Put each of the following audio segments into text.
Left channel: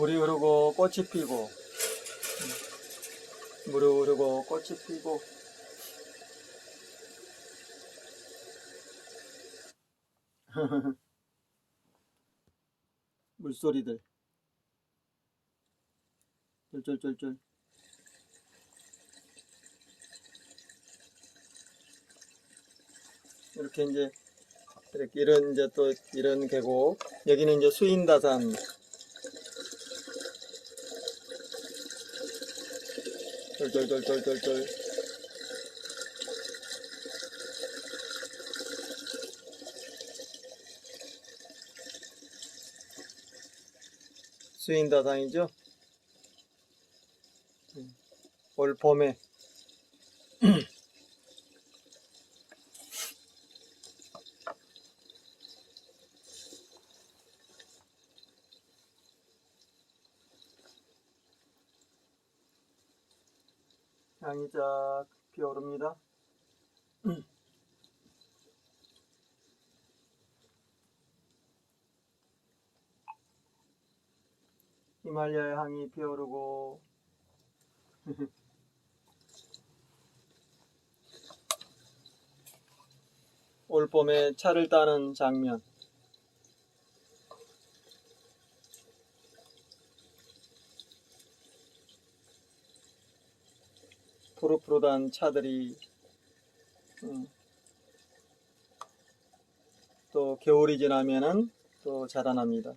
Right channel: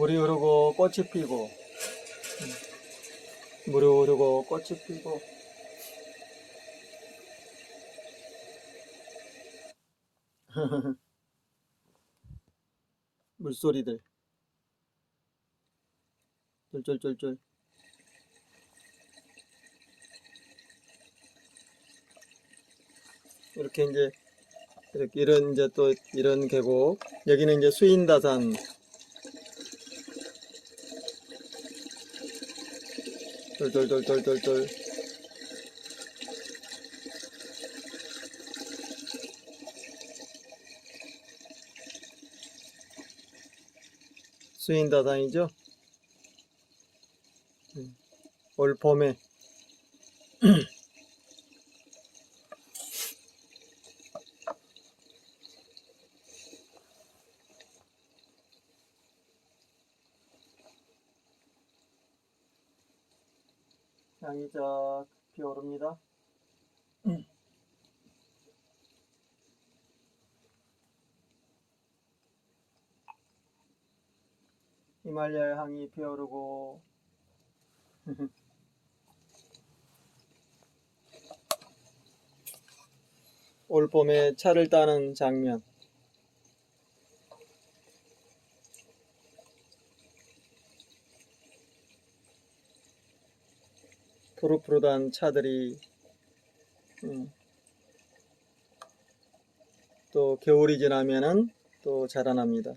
물이 흐르고 꽃이 피고, 물이 흐르고 꽃이 피고. 물소리들 쫄쫄쫄쫄. 이렇게 이제 이렇게 이런 이제 또 이런 계곡. 여기는 이제 수인다산. 쫄쫄쫄쫄쫄쫄. 수인다산이죠. 올 봄에 향이 쫙 피어오릅니다. 히말라야 향이 피어오르고 올 봄에 차를 따는 장면. 푸릇푸릇한 차들이 또 겨울이 지나면은 또 자라납니다.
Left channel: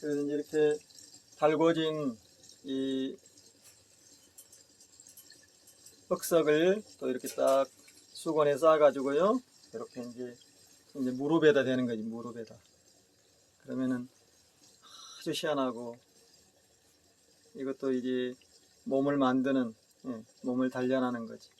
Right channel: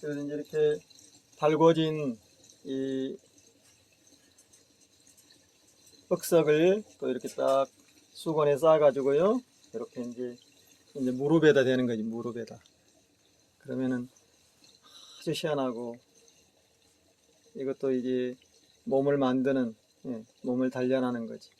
그래서 이제 이렇게 달궈진 이 흑석을 또 이렇게 딱 수건에 싸가지고요. 이렇게 이제 무릎에다 대는 거지, 무릎에다. 그러면은 아주 시원하고, 이것도 이제 몸을 만드는, 몸을 단련하는 거지.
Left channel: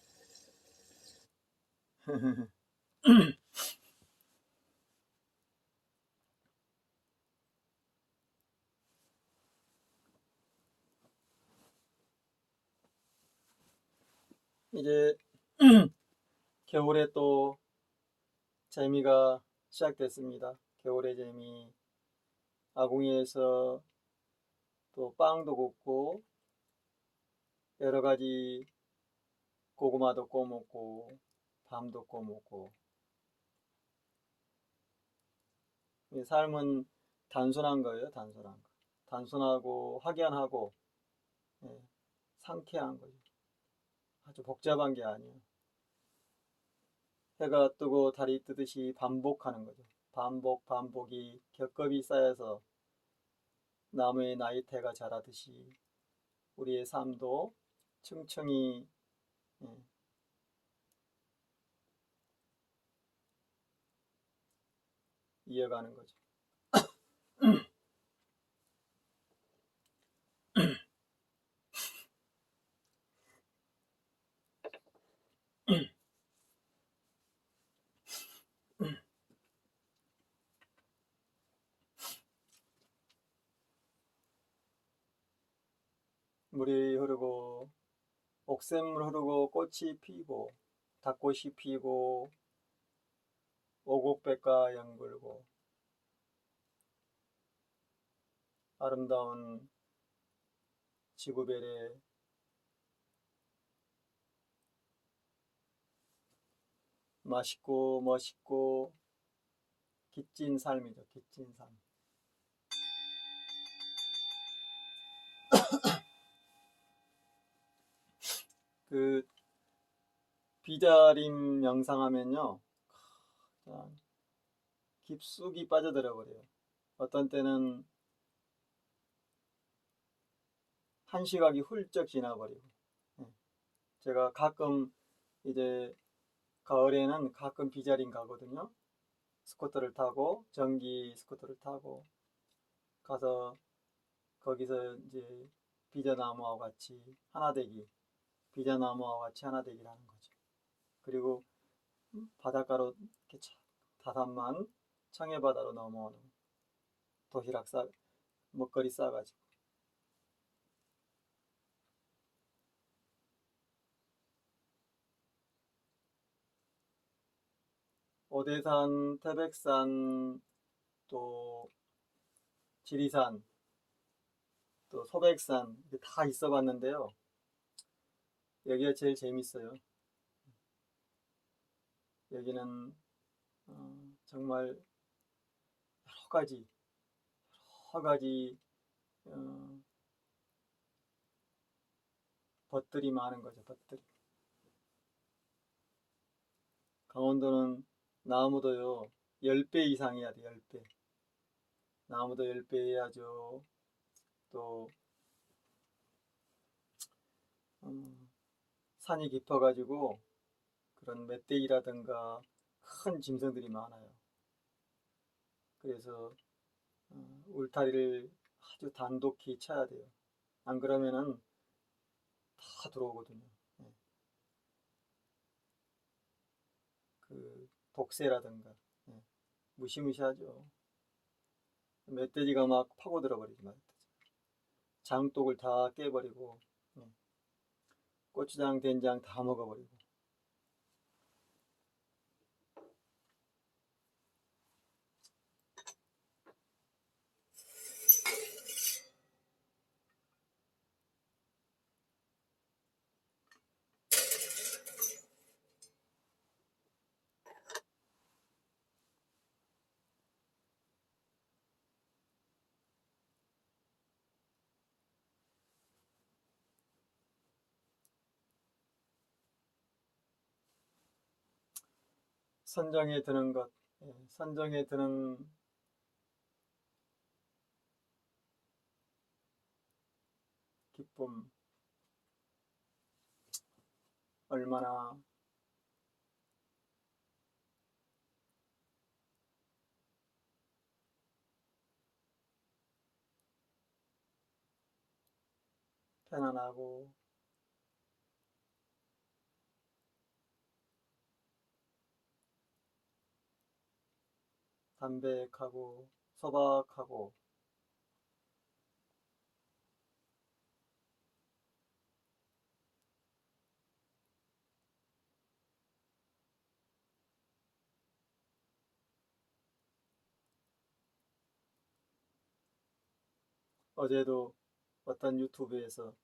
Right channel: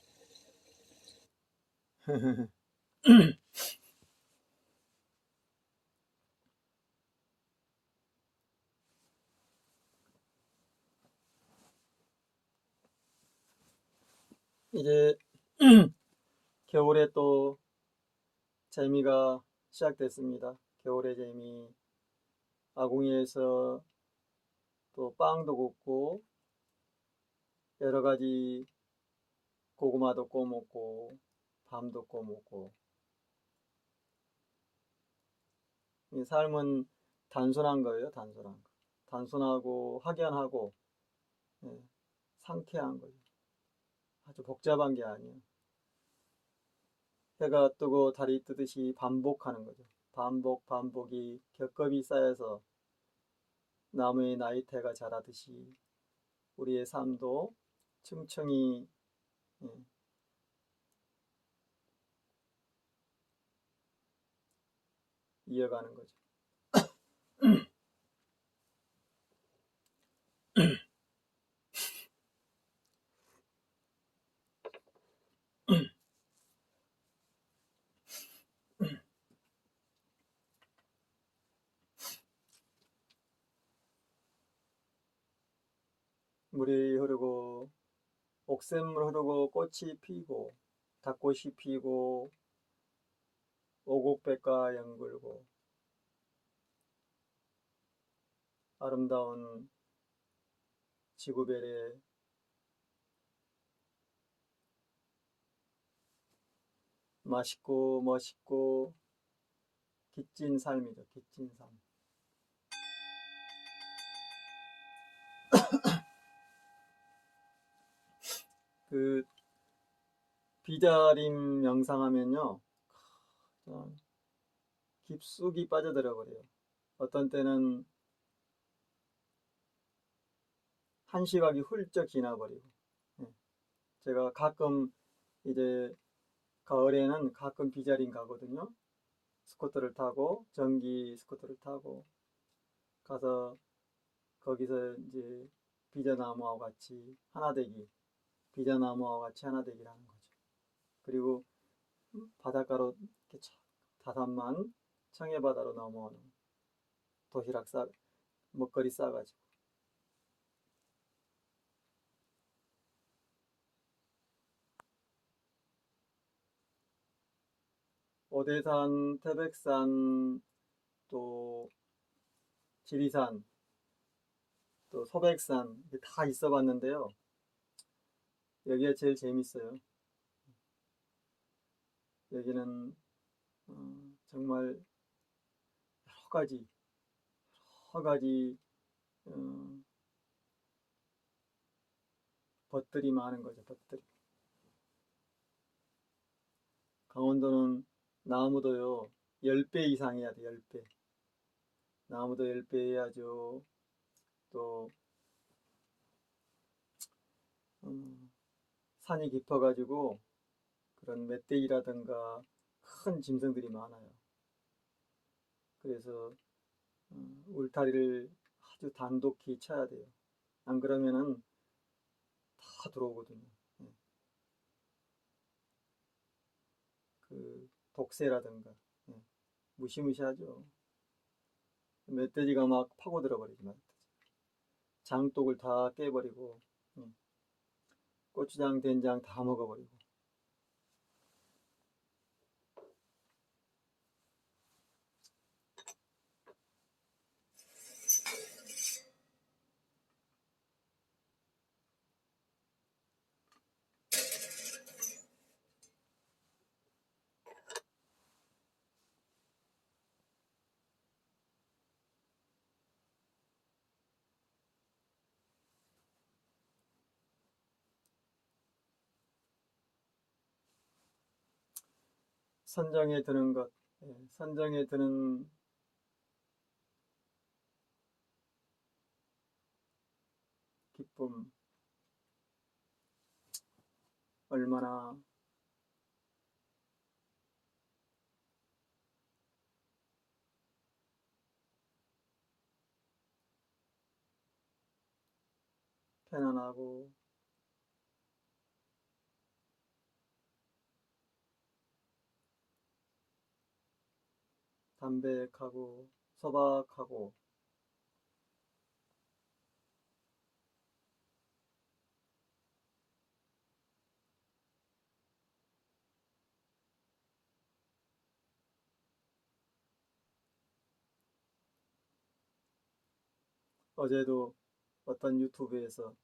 이제 겨울에 또 재미가 시작됐습니다. 겨울의 재미. 아궁이에서 또 빵도 굽고 여러 가지 고구마도 구워 먹고 밤도 구워 먹고. 이 삶은 단순한 거예요, 단순한 거. 단순하고 확연하고, 예, 상쾌한 거예요. 아주 복잡한 게 아니에요. 해가 뜨고 달이 뜨듯이 반복하는 거죠. 반복, 반복이 겹겹이 쌓여서 나무의 나이테가 자라듯이 우리의 삶도 층층이, 예, 이어가는 거죠. 옥샘물 흐르고 꽃이 피고 닭꽃이 피고 오곡백과 연글고 아름다운 지구별의 맛있고 멋있고 깃진 삶이죠. 깃진 삶. 그 비자림 명상하면요, 깊숙이 빠져들어 버려요. 어떤 때는 한 시각이 훌쩍 지나버리고. 제가 가끔 이제 가을에는 가끔 비자림 가거든요. 스쿠터를 타고 전기 스쿠터를 타고 가서 거기서 이제 비자나무하고 같이 하나되기, 비자나무하고 같이 하나되기를 하는 거죠. 그리고 바닷가로 이렇게 다산만 청해바다로 넘어오는 도시락 먹거리 싸가지고 오대산, 태백산, 또 지리산, 또 소백산 다 있어 봤는데요. 여기가 제일 재밌어요. 여기는 정말 여러 가지 벗들이 많은 거죠. 벗들이. 강원도는 나무도요 10배 이상 해야 돼. 10배. 나무도 10배 해야죠. 또 산이 깊어가지고 그런 멧돼지라든가 큰 짐승들이 많아요. 그래서 울타리를 아주 단독히 쳐야 돼요. 안 그러면은 다 들어오거든요. 그 독새라든가 무시무시하죠. 멧돼지가 막 파고들어 버리죠. 장독을 다 깨버리고 고추장, 된장 다 먹어버리고. 선정에 드는 것, 선정에 드는 기쁨, 얼마나 편안하고 담백하고 소박하고 어제도 어떤 유튜브에서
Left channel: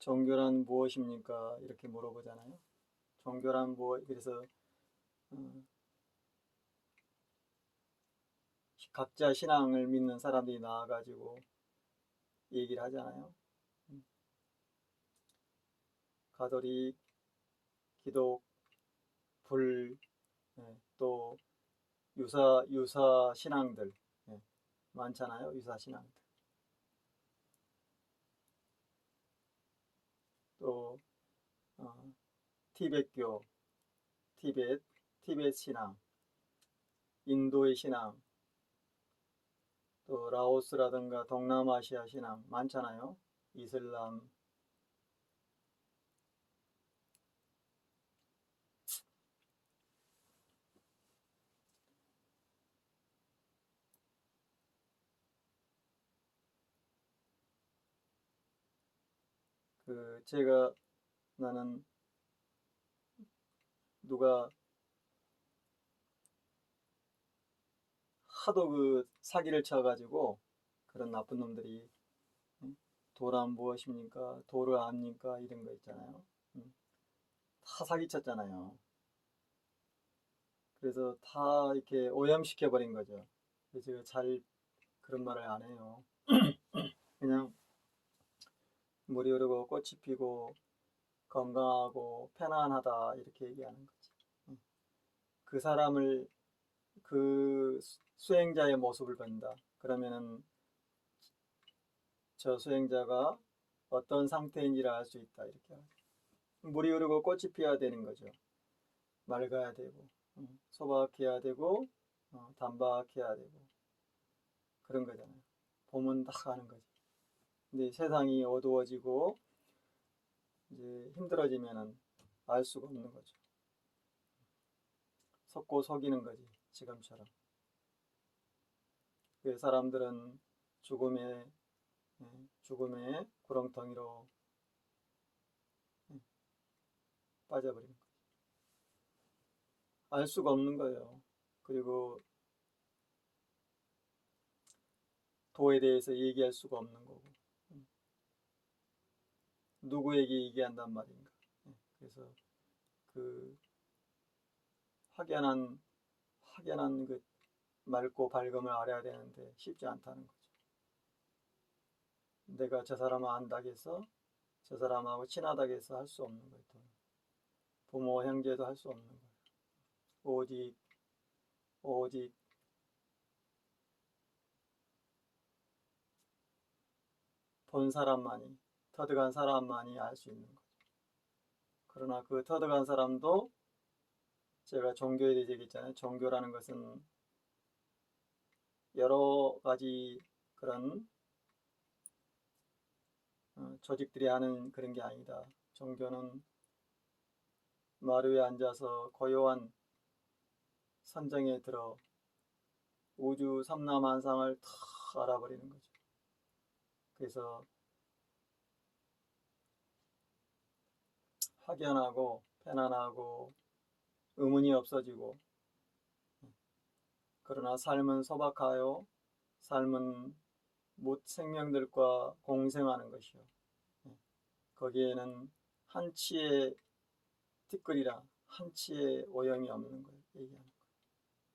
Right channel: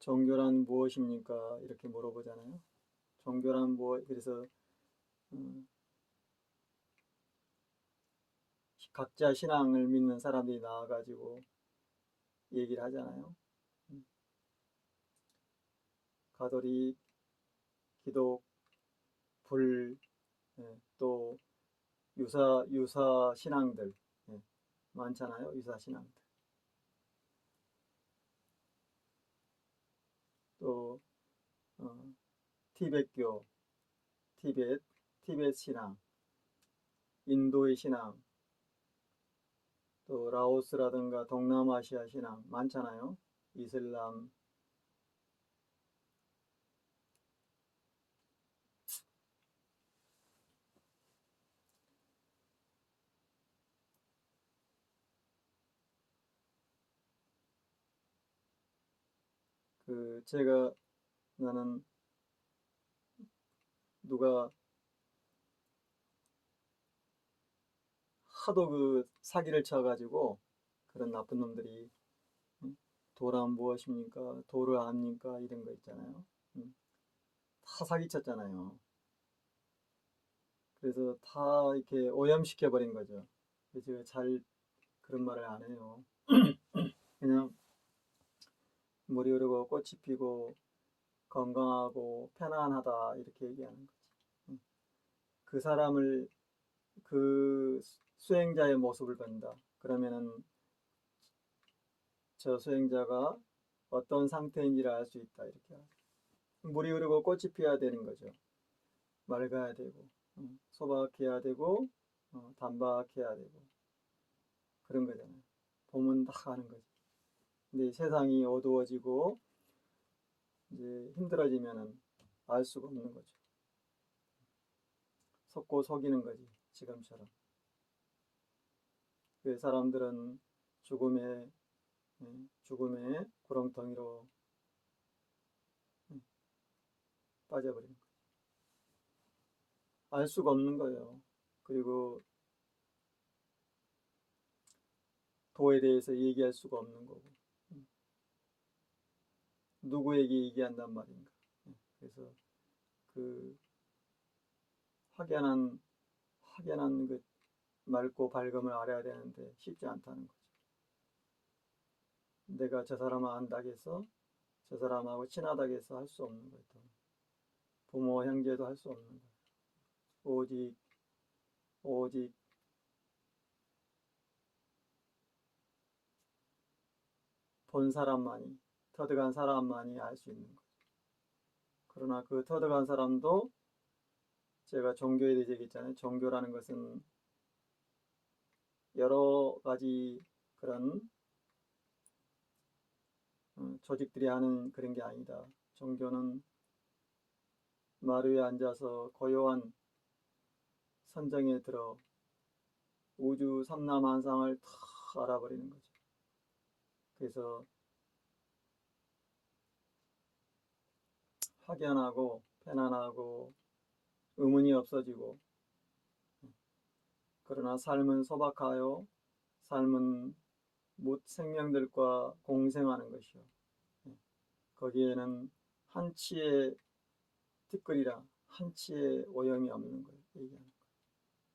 종교란 무엇입니까? 이렇게 물어보잖아요. 종교란 무엇? 그래서 음, 각자 신앙을 믿는 사람들이 나와가지고 얘기를 하잖아요. 가톨릭, 기독, 불, 또 유사 신앙들 많잖아요. 유사 신앙들. 또 티벳교, 티벳 신앙, 인도의 신앙, 또 라오스라든가 동남아시아 신앙 많잖아요. 이슬람. 제가 나는 누가 하도 사기를 쳐가지고 그런 나쁜 놈들이 도란 무엇입니까? 도를 압니까? 이런 거 있잖아요. 다 사기쳤잖아요. 그래서 다 이렇게 오염시켜 버린 거죠. 그래서 잘 그런 말을 안 해요. 그냥 물이 흐르고 꽃이 피고 건강하고 편안하다 이렇게 얘기하는 거지. 그 사람을 그 수행자의 모습을 본다. 그러면은 저 수행자가 어떤 상태인지를 알 수 있다 이렇게. 물이 흐르고 꽃이 피어야 되는 거죠. 맑아야 되고 소박해야 되고 단박해야 되고 그런 거잖아요. 보면 다 아는 거지. 근데 세상이 어두워지고 이제 힘들어지면은 알 수가 없는 거죠. 속고 속이는 거지 지금처럼. 그 사람들은 죽음의 구렁텅이로 빠져버린 거죠. 알 수가 없는 거예요. 그리고 도에 대해서 얘기할 수가 없는 거고 누구에게 얘기한단 말인가. 그래서 그 확연한 그 맑고 밝음을 알아야 되는데 쉽지 않다는 거죠. 내가 저 사람을 안다고 해서 저 사람하고 친하다고 해서 할 수 없는 거예요. 부모 형제도 할 수 없는 거예요. 오직 본 사람만이 터득한 사람만이 알 수 있는 거죠. 그러나 그 터득한 사람도 제가 종교에 대해서 얘기했잖아요. 종교라는 것은 여러 가지 그런 조직들이 하는 그런 게 아니다. 종교는 마루에 앉아서 고요한 선정에 들어 우주 삼라만상을 다 알아버리는 거죠. 그래서 확연하고 편안하고 의문이 없어지고 그러나 삶은 소박하여 삶은 못 생명들과 공생하는 것이요. 거기에는 한치의 티끌이라 한치의 오염이 없는 거예요. 얘기하는 거예요.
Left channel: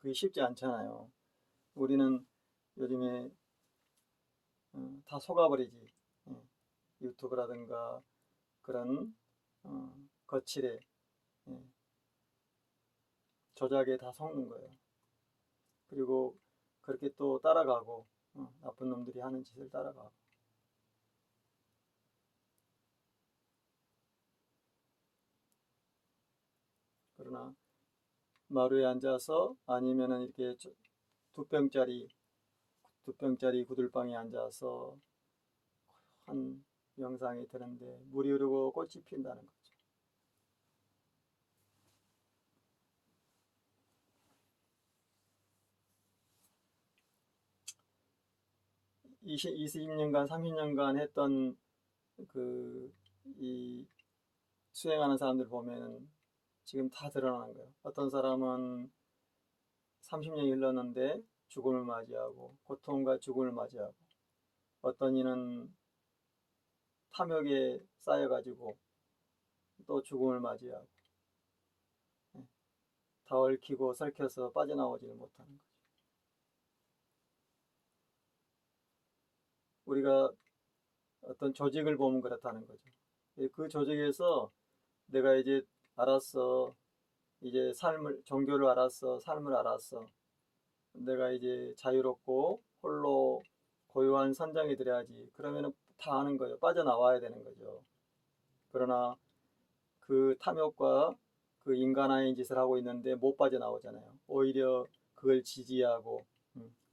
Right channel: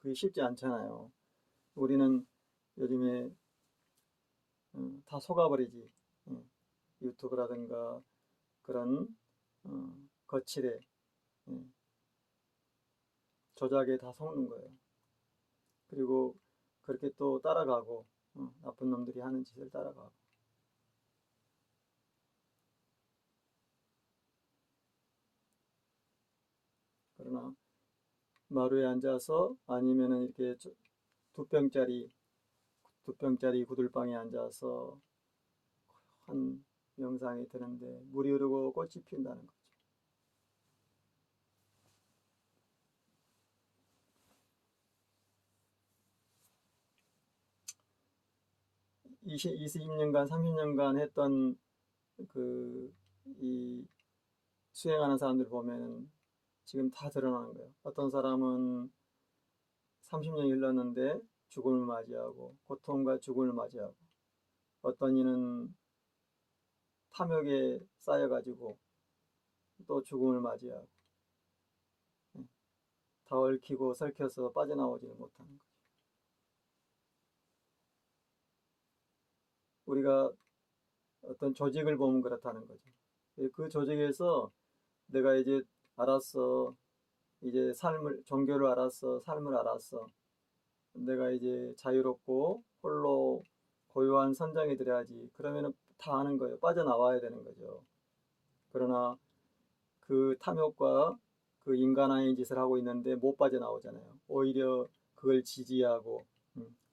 그게 쉽지 않잖아요. 우리는 요즘에 다 속아버리지. 유튜브라든가 그런 거칠에 조작에 다 속는 거예요. 그리고 그렇게 또 따라가고 나쁜 놈들이 하는 짓을 따라가고 그러나 마루에 앉아서 아니면은 이렇게 두 병짜리 구들방에 앉아서 한 명상이 드는데 물이 흐르고 꽃이 핀다는 거죠. 20년간 30년간 했던 이 수행하는 사람들 보면 지금 다 드러나는 거예요. 어떤 사람은 30년이 흘렀는데 죽음을 맞이하고 고통과 죽음을 맞이하고 어떤 이는 탐욕에 쌓여가지고 또 죽음을 맞이하고 다 얽히고 설켜서 빠져나오지를 못하는 거죠. 우리가 어떤 조직을 보면 그렇다는 거죠. 그 조직에서 내가 이제 알았어. 이제 종교를 알았어. 삶을 알았어. 내가 이제 자유롭고 홀로 고요한 선정이 들어야지. 그러면은 다 아는 거예요. 빠져나와야 되는 거죠. 그러나 그 탐욕과 그 인간화인 짓을 하고 있는데 못 빠져나오잖아요. 오히려 그걸 지지하고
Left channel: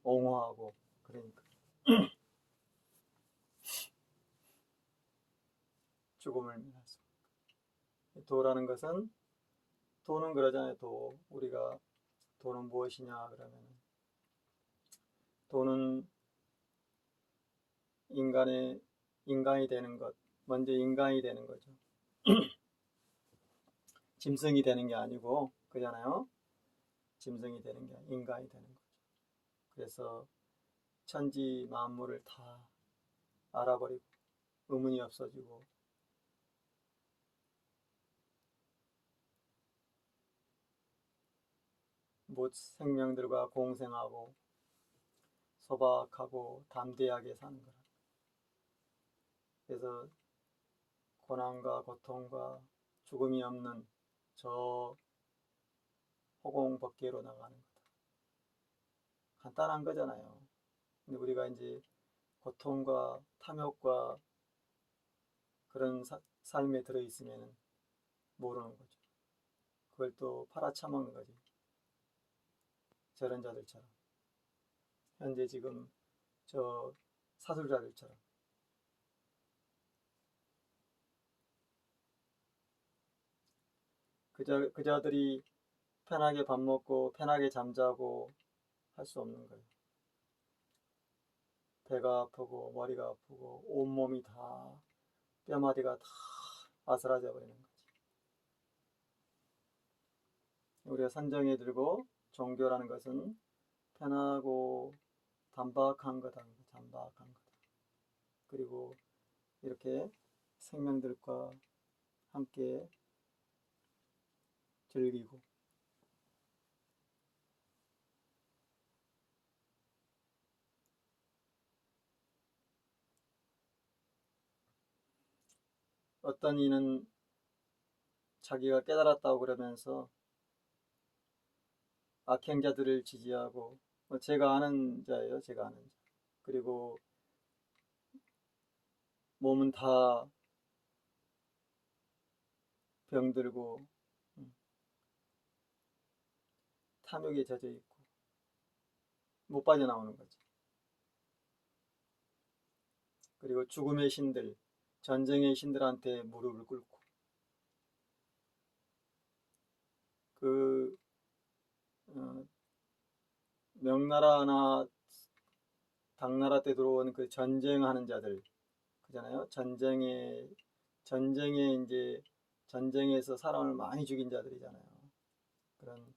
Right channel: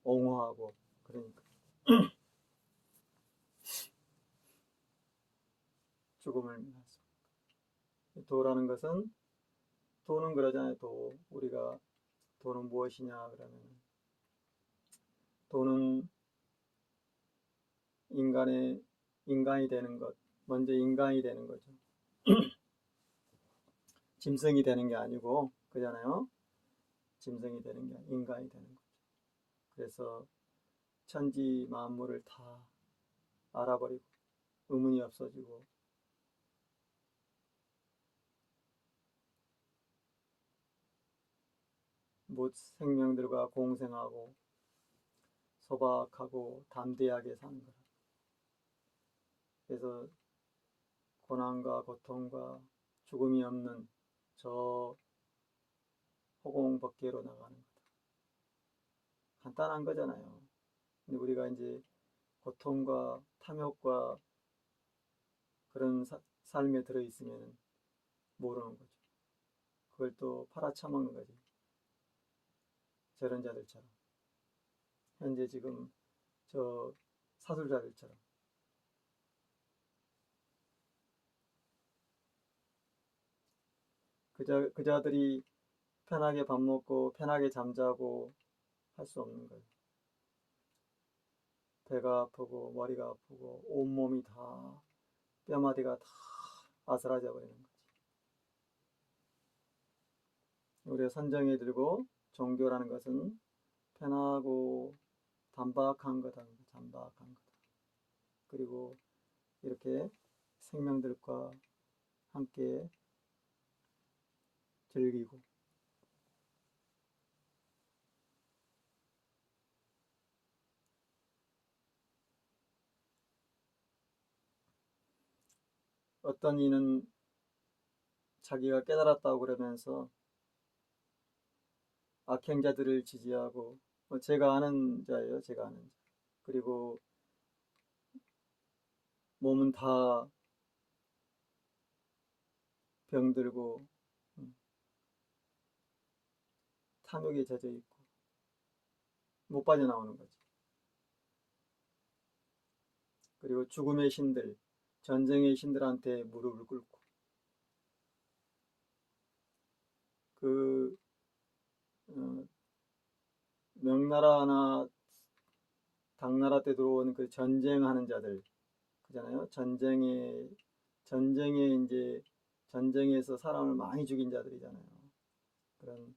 옹호하고 그러니까 죽음을 면하죠. 도라는 것은 도는 그러잖아요. 우리가 도는 무엇이냐 그러면 도는 인간이 되는 것, 먼저 인간이 되는 거죠. 짐승이 되는 게 아니고, 그잖아요. 짐승이 되는 게 아니라 인간이 되는 거죠. 그래서 천지 만물을 다 알아버리고 의문이 없어지고 못 생명들과 공생하고 소박하고 담대하게 사는 거라. 그래서 고난과 고통과 죽음이 없는 저 허공밖으로 나가는 거다. 간단한 거잖아요. 근데 우리가 이제 고통과 탐욕과 그런 삶에 들어있으면 모르는 거죠. 그걸 또 팔아쳐먹는 거지. 저런 자들처럼. 현재 지금 저 사술자들처럼. 그자들이 편하게 밥 먹고 편하게 잠자고 할 수 없는 거예요. 배가 아프고 머리가 아프고 온몸이 다 뼈마디가 다 아스라져 버리는 거지. 우리가 선정해 들고 종교라는 것은 편하고 단박한 거다. 단박한 거다. 그리고 이렇게 생명들과 함께 즐기고 어떤 이는 자기가 깨달았다고 그러면서 악행자들을 지지하고 제가 아는 자예요. 제가 아는 자. 그리고 몸은 다 병들고 탐욕에 젖어 있고 못 빠져나오는 거죠. 그리고 죽음의 신들, 전쟁의 신들한테 무릎을 꿇고 그 명나라나 당나라 때 들어온 그 전쟁하는 자들 그잖아요. 전쟁에 이제 전쟁에서 사람을 많이 죽인 자들이잖아요. 그런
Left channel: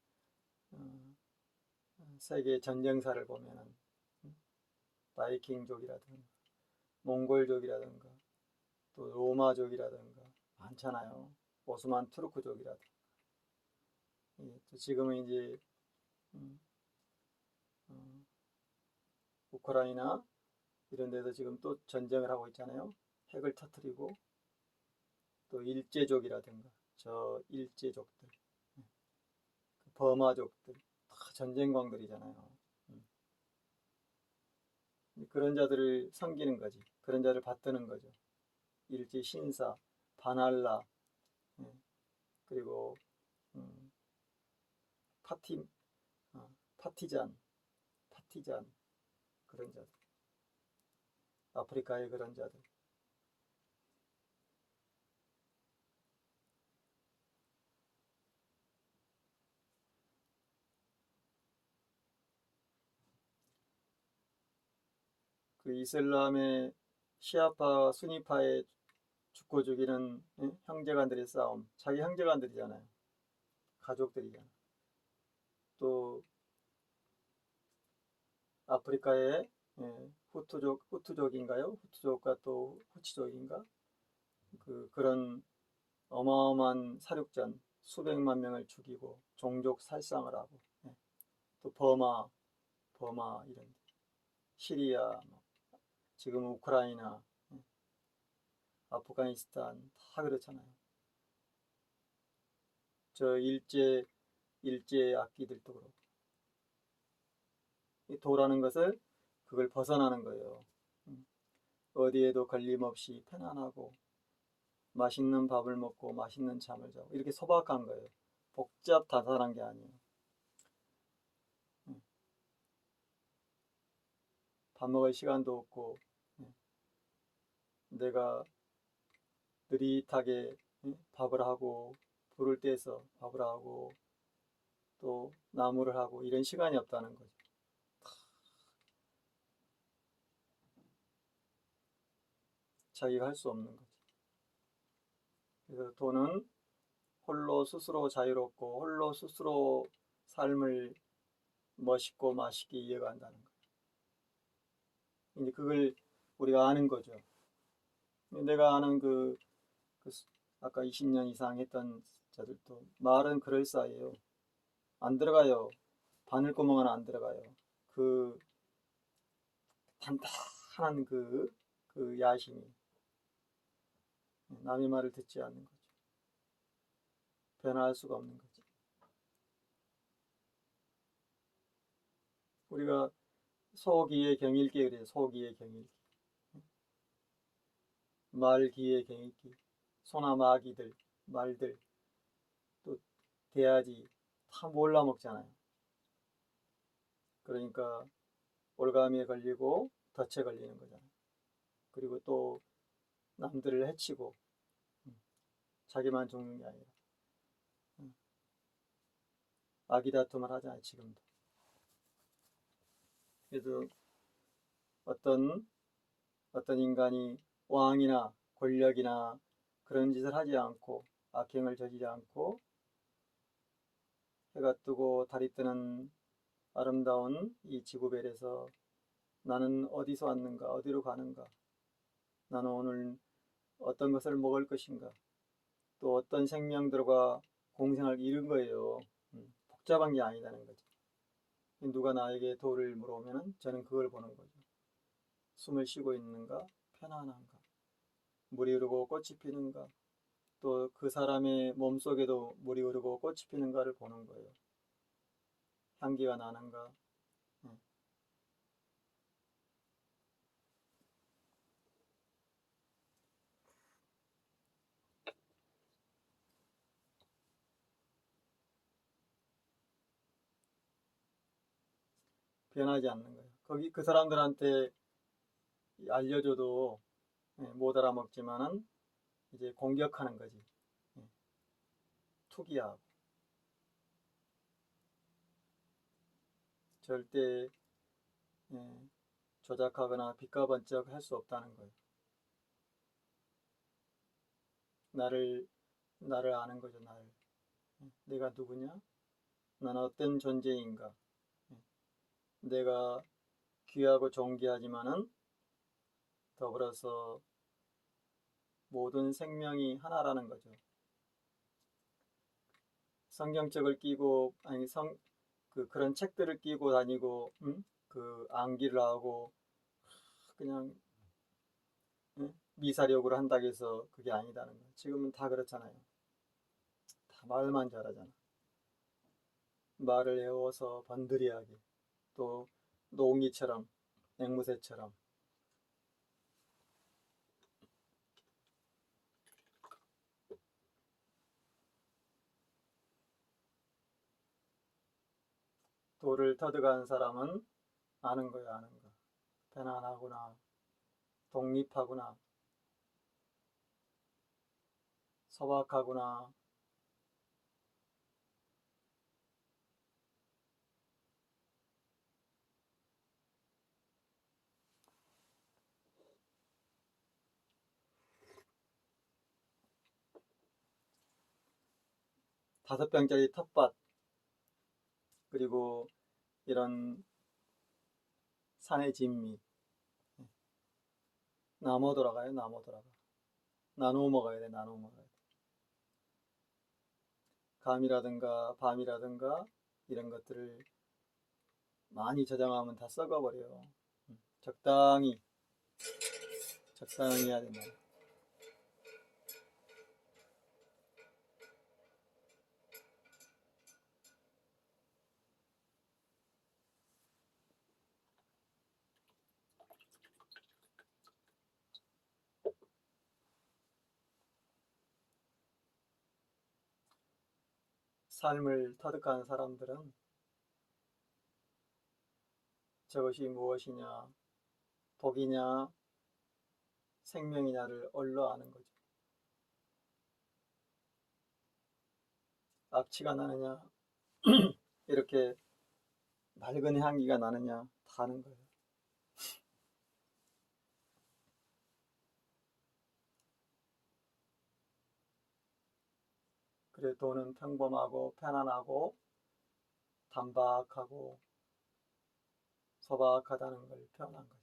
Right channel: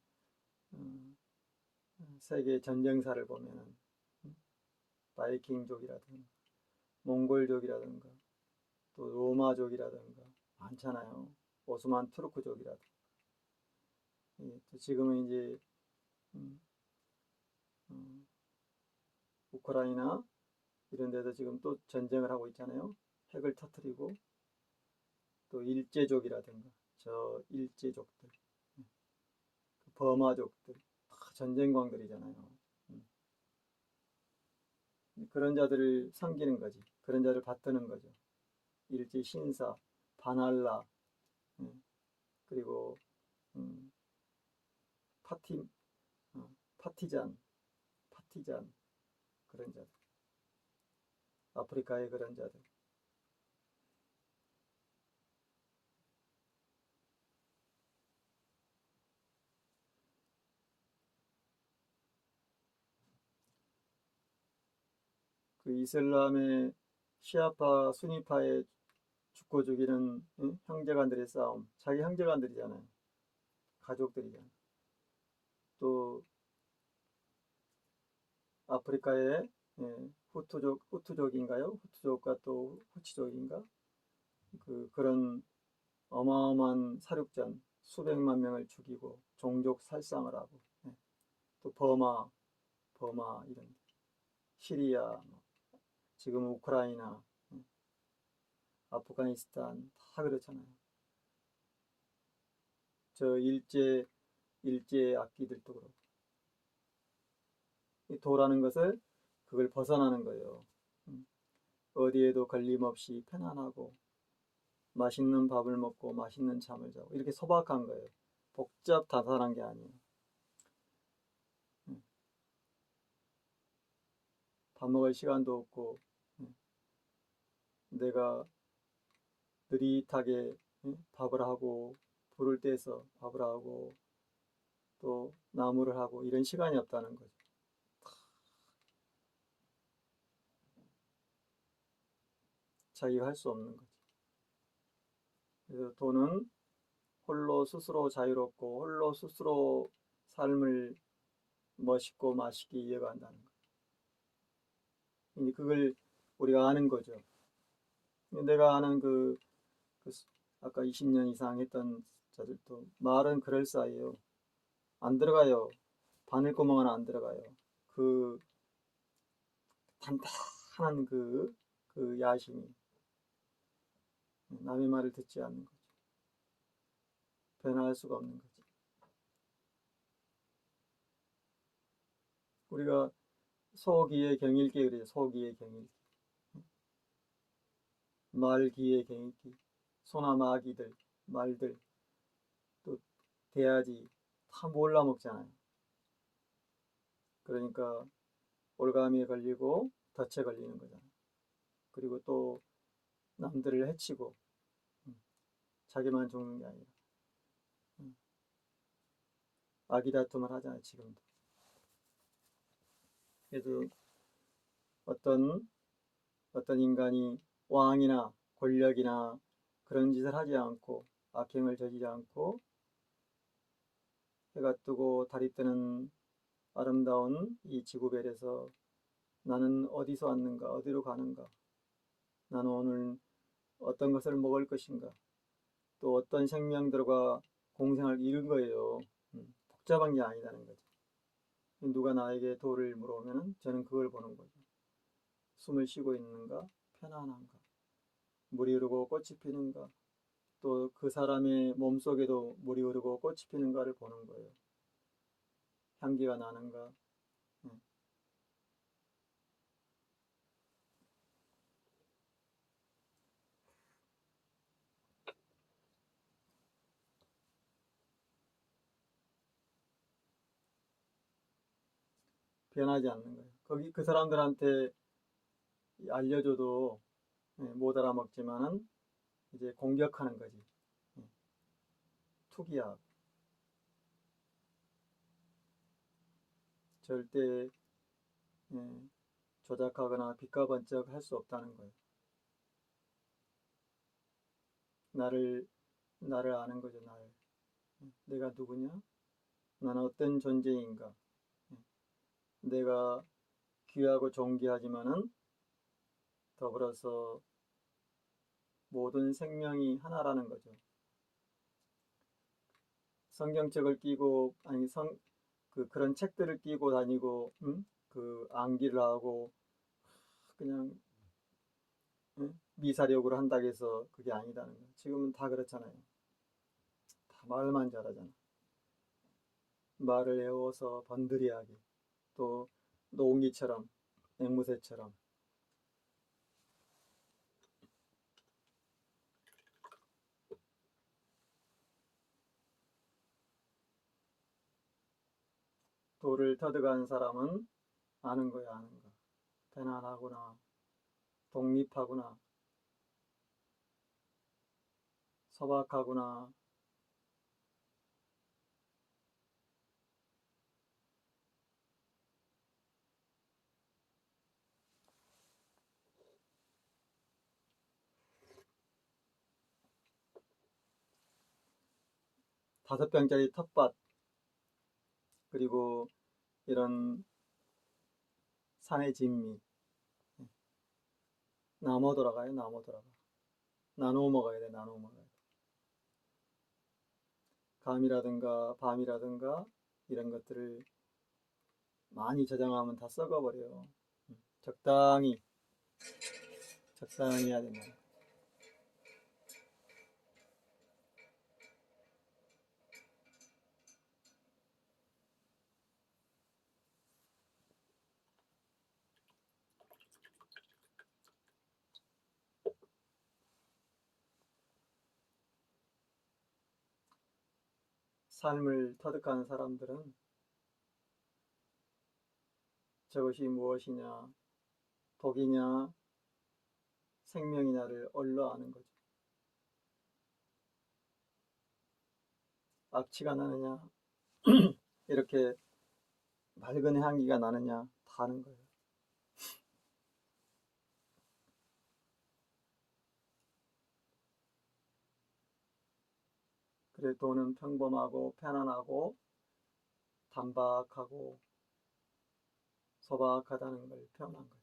세계 전쟁사를 보면은 바이킹족이라든가 몽골족이라든가 또 로마족이라든가 많잖아요. 오스만 투르크족이라든가. 또 지금은 이제 우크라이나 이런 데서 지금 또 전쟁을 하고 있잖아요. 핵을 터뜨리고 또 일제족이라든가 저 일제족들, 버마족들 다 전쟁광들이잖아요. 그런 자들을 섬기는 거지. 그런 자를 받드는 거죠. 일제 신사, 바날라, 그리고 파티, 파티잔 그런 자들. 아프리카의 그런 자들. 그 이슬람의 시아파, 수니파의 죽고 죽이는 형제간들의 싸움. 자기 형제간들이잖아요. 가족들이잖아요. 또 아프리카의 후투족인가요? 후투족과 또 후치족인가? 그런 어마어마한 사륙전 수백만 명을 죽이고 종족 살상을 하고 또 버마 이런 시리아 지금 우크라이나 아프가니스탄 다 그렇잖아요. 저 일제 악기들도 그렇고 이 도라는 것을 그걸 벗어나는 거예요. 어디에도 걸림없이 편안하고 맛있는 밥을 먹고 맛있는 잠을 자고 이렇게 소박한 거예요. 복잡다단한 게 아니에요. 밥 먹을 시간도 없고 내가 느릿하게 밥을 하고 불을 떼서 밥을 하고 또 나무를 하고 이런 시간이 없다는 거죠. 자기가 할 수 없는 거죠. 그래서 도는 홀로 스스로 자유롭고 홀로 스스로 삶을 멋있고 맛있게 이어간다는 거예요. 그걸 우리가 아는 거죠. 내가 아는 아까 20년 이상 했던 자들도 말은 그럴싸해요. 안 들어가요. 바늘구멍은 안 들어가요. 그 단단한 그 야심이 남의 말을 듣지 않는 거죠. 변화할 수가 없는 거죠. 우리가 소기의 경일기 그래요. 소기의 경일기. 말기의 경일기. 소나 마기들, 말들, 또 돼지 다 몰라 먹잖아요. 그러니까 올가미에 걸리고 덫에 걸리는 거잖아요. 그리고 또 남들을 해치고 자기만 죽는 게 아니라 아기다툼을 하잖아요. 지금도. 그래서 어떤 인간이 왕이나 권력이나 그런 짓을 하지 않고 악행을 저지르지 않고 해가 뜨고 달이 뜨는 아름다운 이 지구별에서 나는 어디서 왔는가, 어디로 가는가, 나는 오늘 어떤 것을 먹을 것인가, 또 어떤 생명들과 공생을 이룬 거예요. 복잡한 게 아니라는 거죠. 누가 나에게 돌을 물어오면 저는 그걸 보는 거죠. 숨을 쉬고 있는가, 편안한가, 물이 흐르고 꽃이 피는가, 또 그 사람의 몸속에도 물이 흐르고 꽃이 피는가를 보는 거예요. 향기가 나는가. 변하지 않는 거예요. 거기 그 사람들한테 알려줘도 못 알아먹지만은 이제 공격하는 거지. 투기하고 절대 조작하거나 빚가번쩍 할 수 없다는 거예요. 나를 아는 거죠. 나를. 내가 누구냐? 나는 어떤 존재인가? 내가 귀하고 존귀하지만은 더불어서 모든 생명이 하나라는 거죠. 성경책을 끼고 그런 책들을 끼고 다니고 그 암기를 하고 그냥 미사력으로 한다고 해서 그게 아니다는 거예요. 지금은 다 그렇잖아요. 다 말만 잘하잖아. 말을 외워서 번들이하게 또 노웅이처럼 앵무새처럼 돌을 터득한 사람은 아는 거야, 아는 거. 편안하구나, 독립하구나, 소박하구나. 다섯 병짜리 텃밭 그리고 이런 산의 진미 나눠 돌아가요. 나눠 돌아가. 나눠 먹어야 돼. 나눠 먹어야 돼. 감이라든가 밤이라든가 이런 것들을 많이 저장하면 다 썩어버려요. 적당히 해야 된다. 삶을 터득한 사람들은 저것이 무엇이냐, 독이냐, 생명이냐를 얼러 아는 거죠. 악취가 나느냐, 이렇게 맑은 향기가 나느냐, 다 아는 거예요. 그래 돈은 평범하고 편안하고 단박하고 소박하다는 걸 표현한 거죠.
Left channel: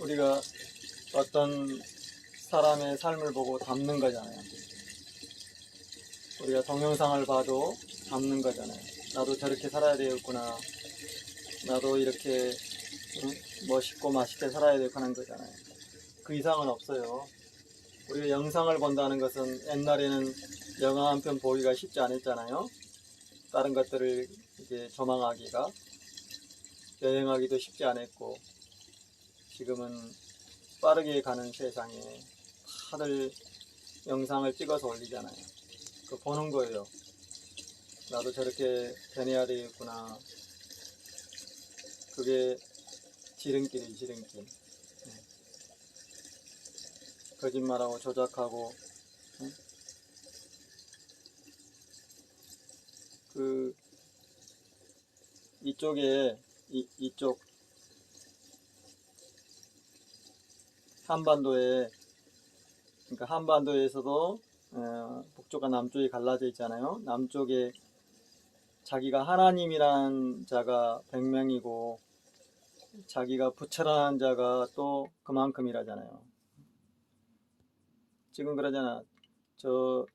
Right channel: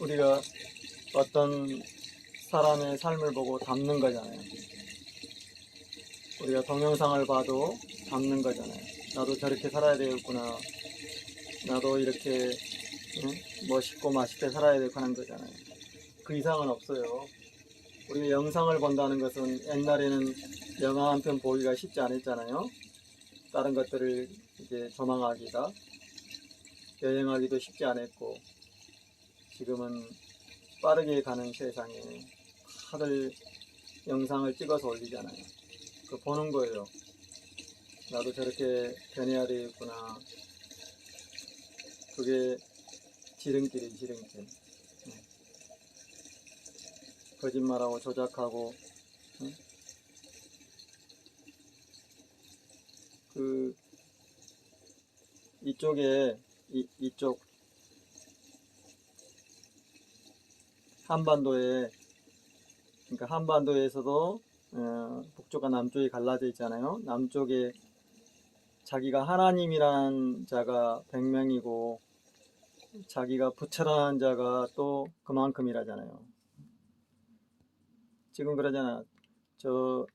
우리가 어떤 사람의 삶을 보고 담는 거잖아요. 우리가 동영상을 봐도 담는 거잖아요. 나도 저렇게 살아야 되겠구나. 나도 이렇게 멋있고 맛있게 살아야 되고 하는 거잖아요. 그 이상은 없어요. 우리가 영상을 본다는 것은 옛날에는 영화 한 편 보기가 쉽지 않았잖아요. 다른 것들을 이제 조망하기가, 여행하기도 쉽지 않았고, 지금은 빠르게 가는 세상에 다들 영상을 찍어서 올리잖아요. 그 보는 거예요. 나도 저렇게 변해야 되겠구나. 그게 지름길이 지름길. 거짓말하고 조작하고 그 이쪽에 이쪽 한반도에, 그러니까 한반도에서도 북쪽과 남쪽이 갈라져 있잖아요. 남쪽에 자기가 하나님이란 자가 100명이고 자기가 부처라는 자가 또 그만큼이라잖아요. 지금 그러잖아. 저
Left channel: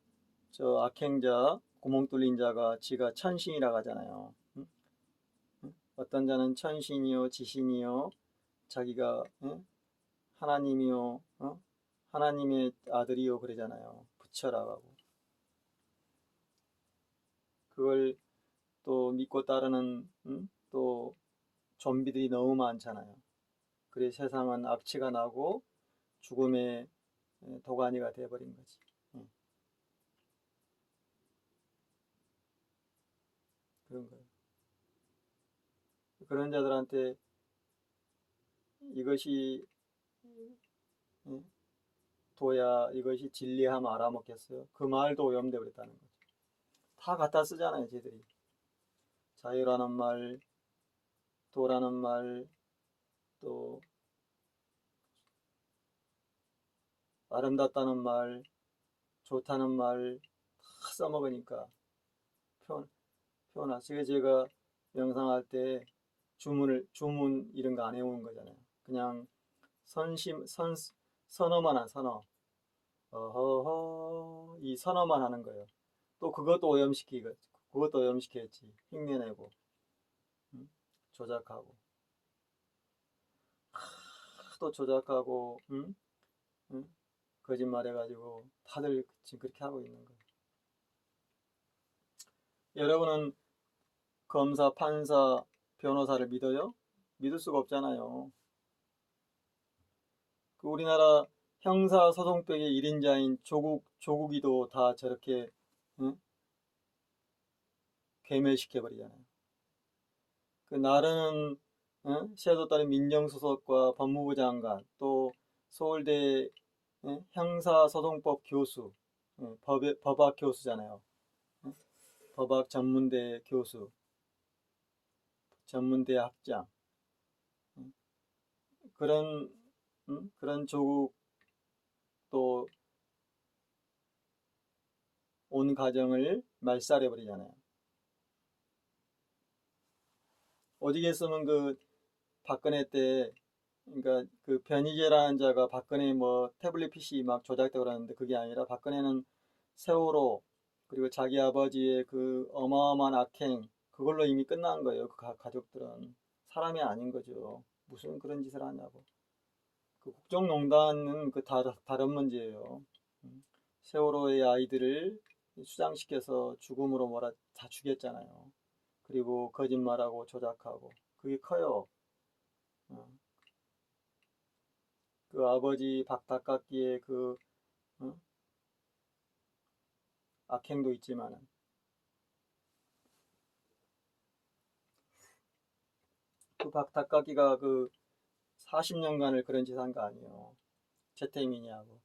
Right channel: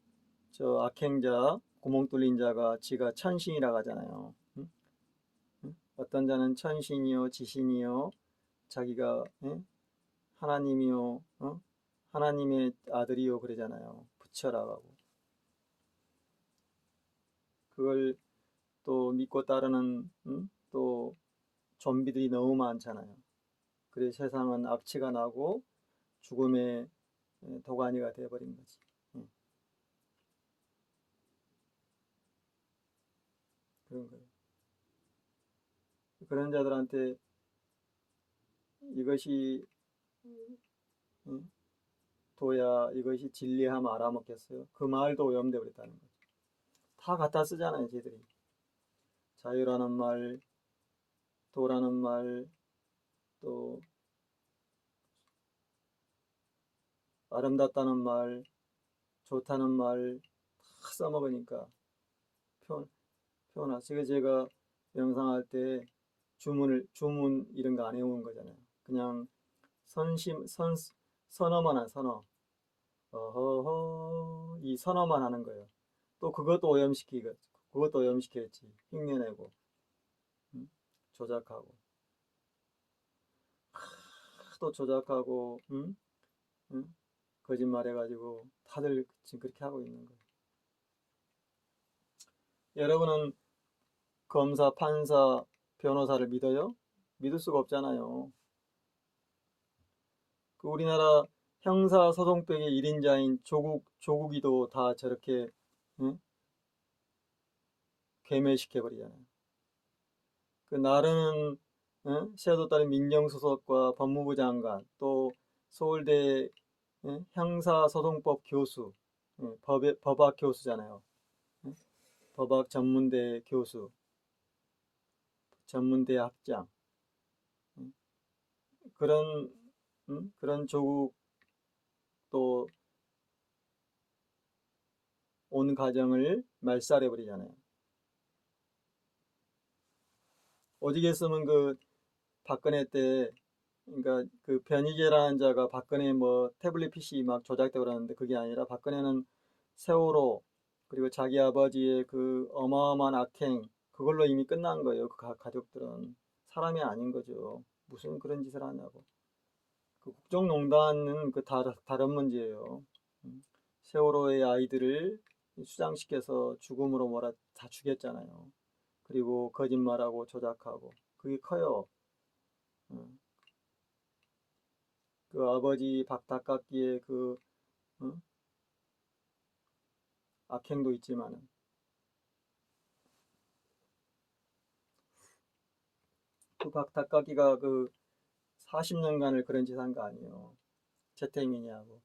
악행자, 구멍 뚫린 자가 지가 천신이라고 하잖아요. 응? 어떤 자는 천신이요, 지신이요, 자기가 하나님이요, 하나님의 아들이요 그러잖아요. 부처라고 하고. 그걸 또 믿고 따르는 또 좀비들이 너무 많잖아요. 그래서 세상은 악취가 나고 죽음의 도가니가 돼버린 거지. 그런 거예요. 그런 자들한테 이것이 도야, 이것이 진리하면 알아먹겠어요. 그 말도 오염돼 버렸다는 거죠. 다 갖다 쓰잖아요, 쟤들이. 자유라는 말, 도라는 말, 또 아름답다는 말, 좋다는 말 다 써먹으니까 표현하세요. 제가 명상할 때 주문 이런 거 안 해오는 거잖아요. 그냥 선어만 한 선어. 어허허, 이 선어만 하는 거예요. 또 그것도 오염시켰지. 흉내내고, 조작하고, 또 조작하고, 응? 거짓말해가지고 다들 지금 그렇게 하고 있는 거예요. 여러분은 검사, 판사, 변호사를 믿어요? 믿을 수가 없잖아요. 그 우리나라 형사소송법의 1인자인 조국이도 다 저렇게 응? 괴멸시켜버리잖아요. 그 나르는 섀도우 따른 민정수석과 법무부 장관, 또 서울대 형사소송법 교수, 법학 교수잖아요. 법학 전문대 교수, 전문대 학장, 그런 그런 조국 또 온 가정을 말살해버리잖아요. 어디겠으면 그 박근혜 때, 그러니까 그 변희재라는 자가 박근혜 뭐 태블릿 PC 막 조작되고 그러는데 그게 아니라 박근혜는 세월호 그리고 자기 아버지의 그 어마어마한 악행 그걸로 이미 끝난 거예요. 그 가족들은 사람이 아닌 거죠. 무슨 그런 짓을 하냐고. 그 국정농단은 그 다른 문제예요. 세월호의 아이들을 수장시켜서 죽음으로 몰아 다 죽였잖아요. 그리고 거짓말하고 조작하고 그게 커요. 어, 그 아버지 박닭깎기의 그 어? 악행도 있지만은 그 박닭깎기가 그 40년간을 그런 짓 한 거 아니에요. 최태민이하고.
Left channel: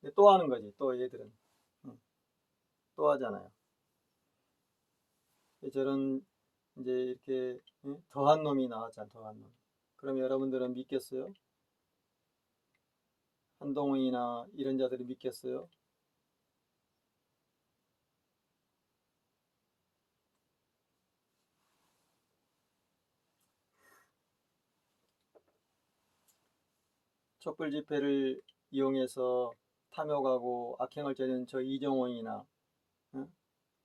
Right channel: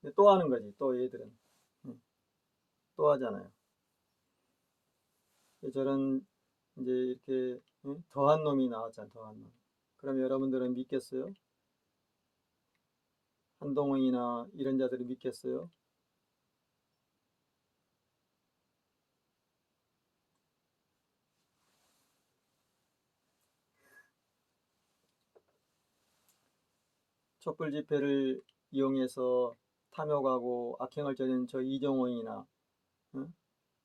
근데 또 하는 거지. 또 얘들은 또 하잖아요. 저런 이제 이렇게 더한 놈이 나왔잖아. 더한 놈. 그럼 여러분들은 믿겠어요? 한동훈이나 이런 자들이 믿겠어요? 촛불 집회를 이용해서 탐욕하고 악행을 저지른 저 이정호이나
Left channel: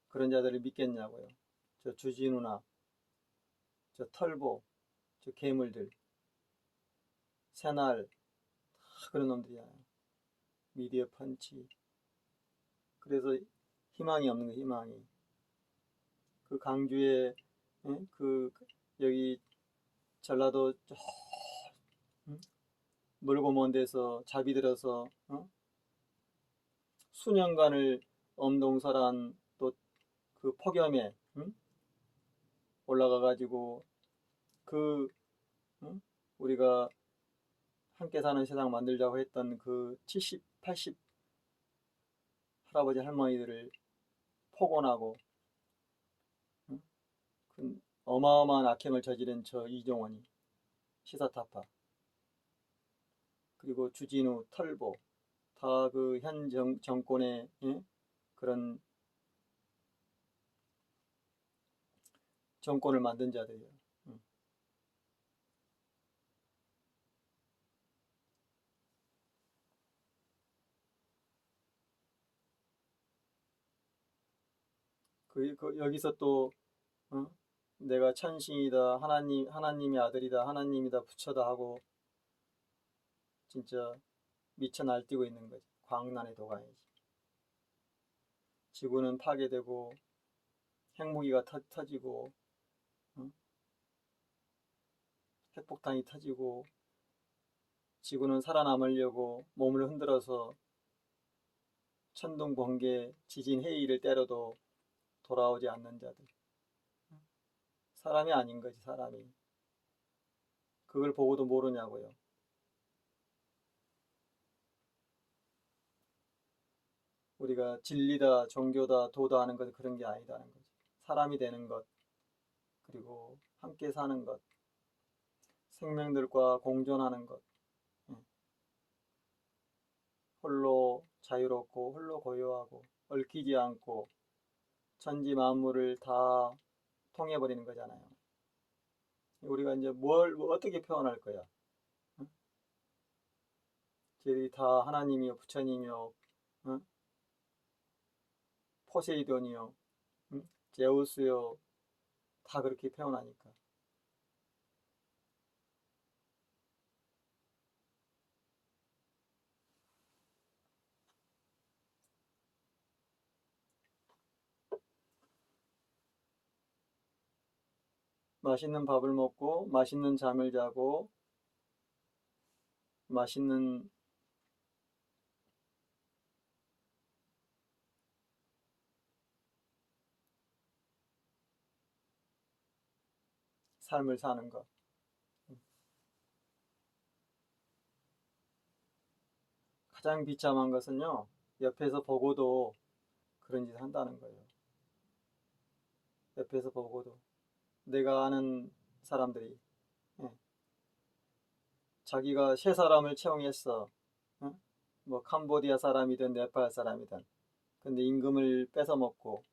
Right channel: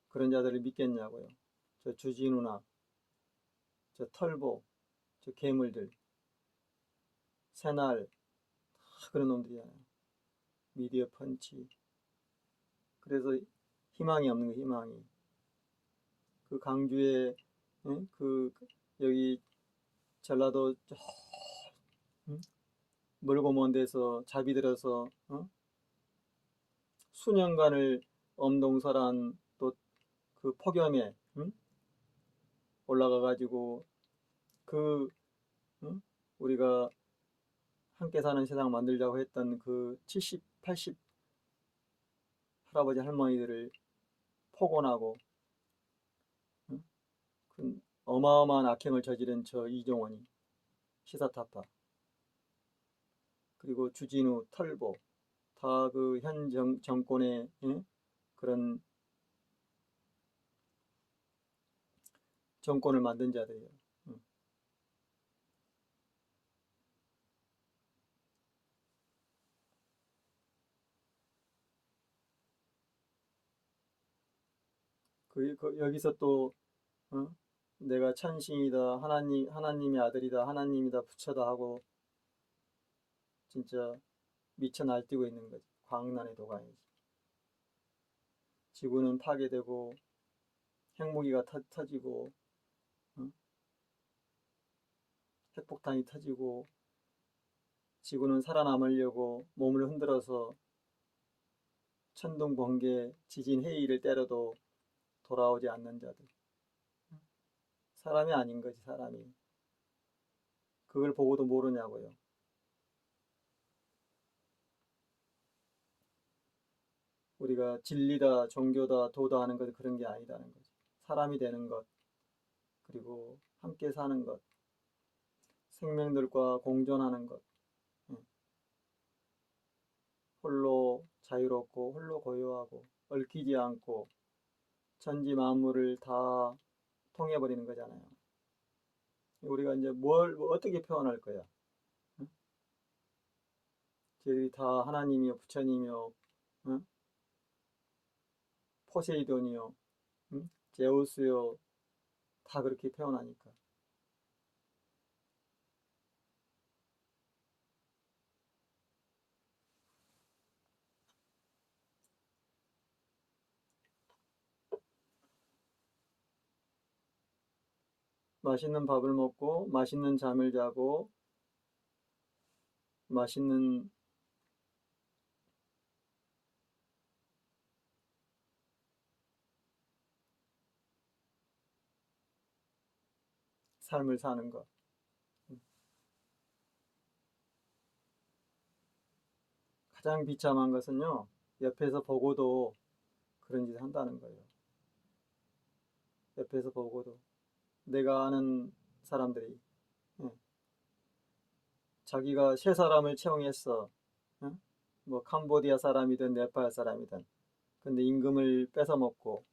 그런 자들을 믿겠냐고요. 저 주진우나 저 털보 저 괴물들 새날 다 그런 놈들이잖아요. 미디어 펀치. 그래서 희망이 없는 거 희망이. 그 강주에 여기 전라도 저 멀고 먼 데서 자비 들어서 수년간을 엄동설한 또 그 폭염에 올라가 가지고 그 우리가 함께 사는 세상 만들자고 했던 그 70, 80 할아버지 할머니들을 폭언하고 그 어마어마한 악행을 저지른 저 이종원이 시사타파 그리고 주진우 털보 다 그 현 정권의 그런 정권을 만든 자들이에요. 여기서 또 어? 내가 천신이다 하나님의 아들이다 하나님이다 부처다 하고 진짜 미쳐 날뛰고 있는 거지. 광란의 도가니지. 지구는 파괴되고 핵무기가 터지고 어? 핵폭탄이 터지고 지구는 살아남으려고 몸을 흔들어서 천둥 번개 지진 해일을 때려도 돌아오지 않는 자들. 사람이 아닌 거지 사람이. 그걸 보고도 모르냐고요. 우리가 진리다 종교다 도다 하는 것은 그런 게 아니다는 거지. 사람이 되는 것 그리고 함께 사는 것 생명들과 공존하는 것 홀로 자유롭고 홀로 고요하고 얽히지 않고 천지 만물을 다 통해버리는 거잖아요. 우리가 이제 뭘 어떻게 표현할 거야? 저들이 다 하나님이요 부처님이요 포세이돈이요 제우스요 다 그렇게 표현하니까 맛있는 밥을 먹고 맛있는 잠을 자고 맛있는 삶을 사는 것. 가장 비참한 것은요, 옆에서 보고도 그런 짓을 한다는 거예요. 옆에서 보고도. 내가 아는 사람들이, 예, 자기가 세 사람을 채용했어. 예? 뭐 캄보디아 사람이든 네팔 사람이든. 근데 임금을 뺏어 먹고,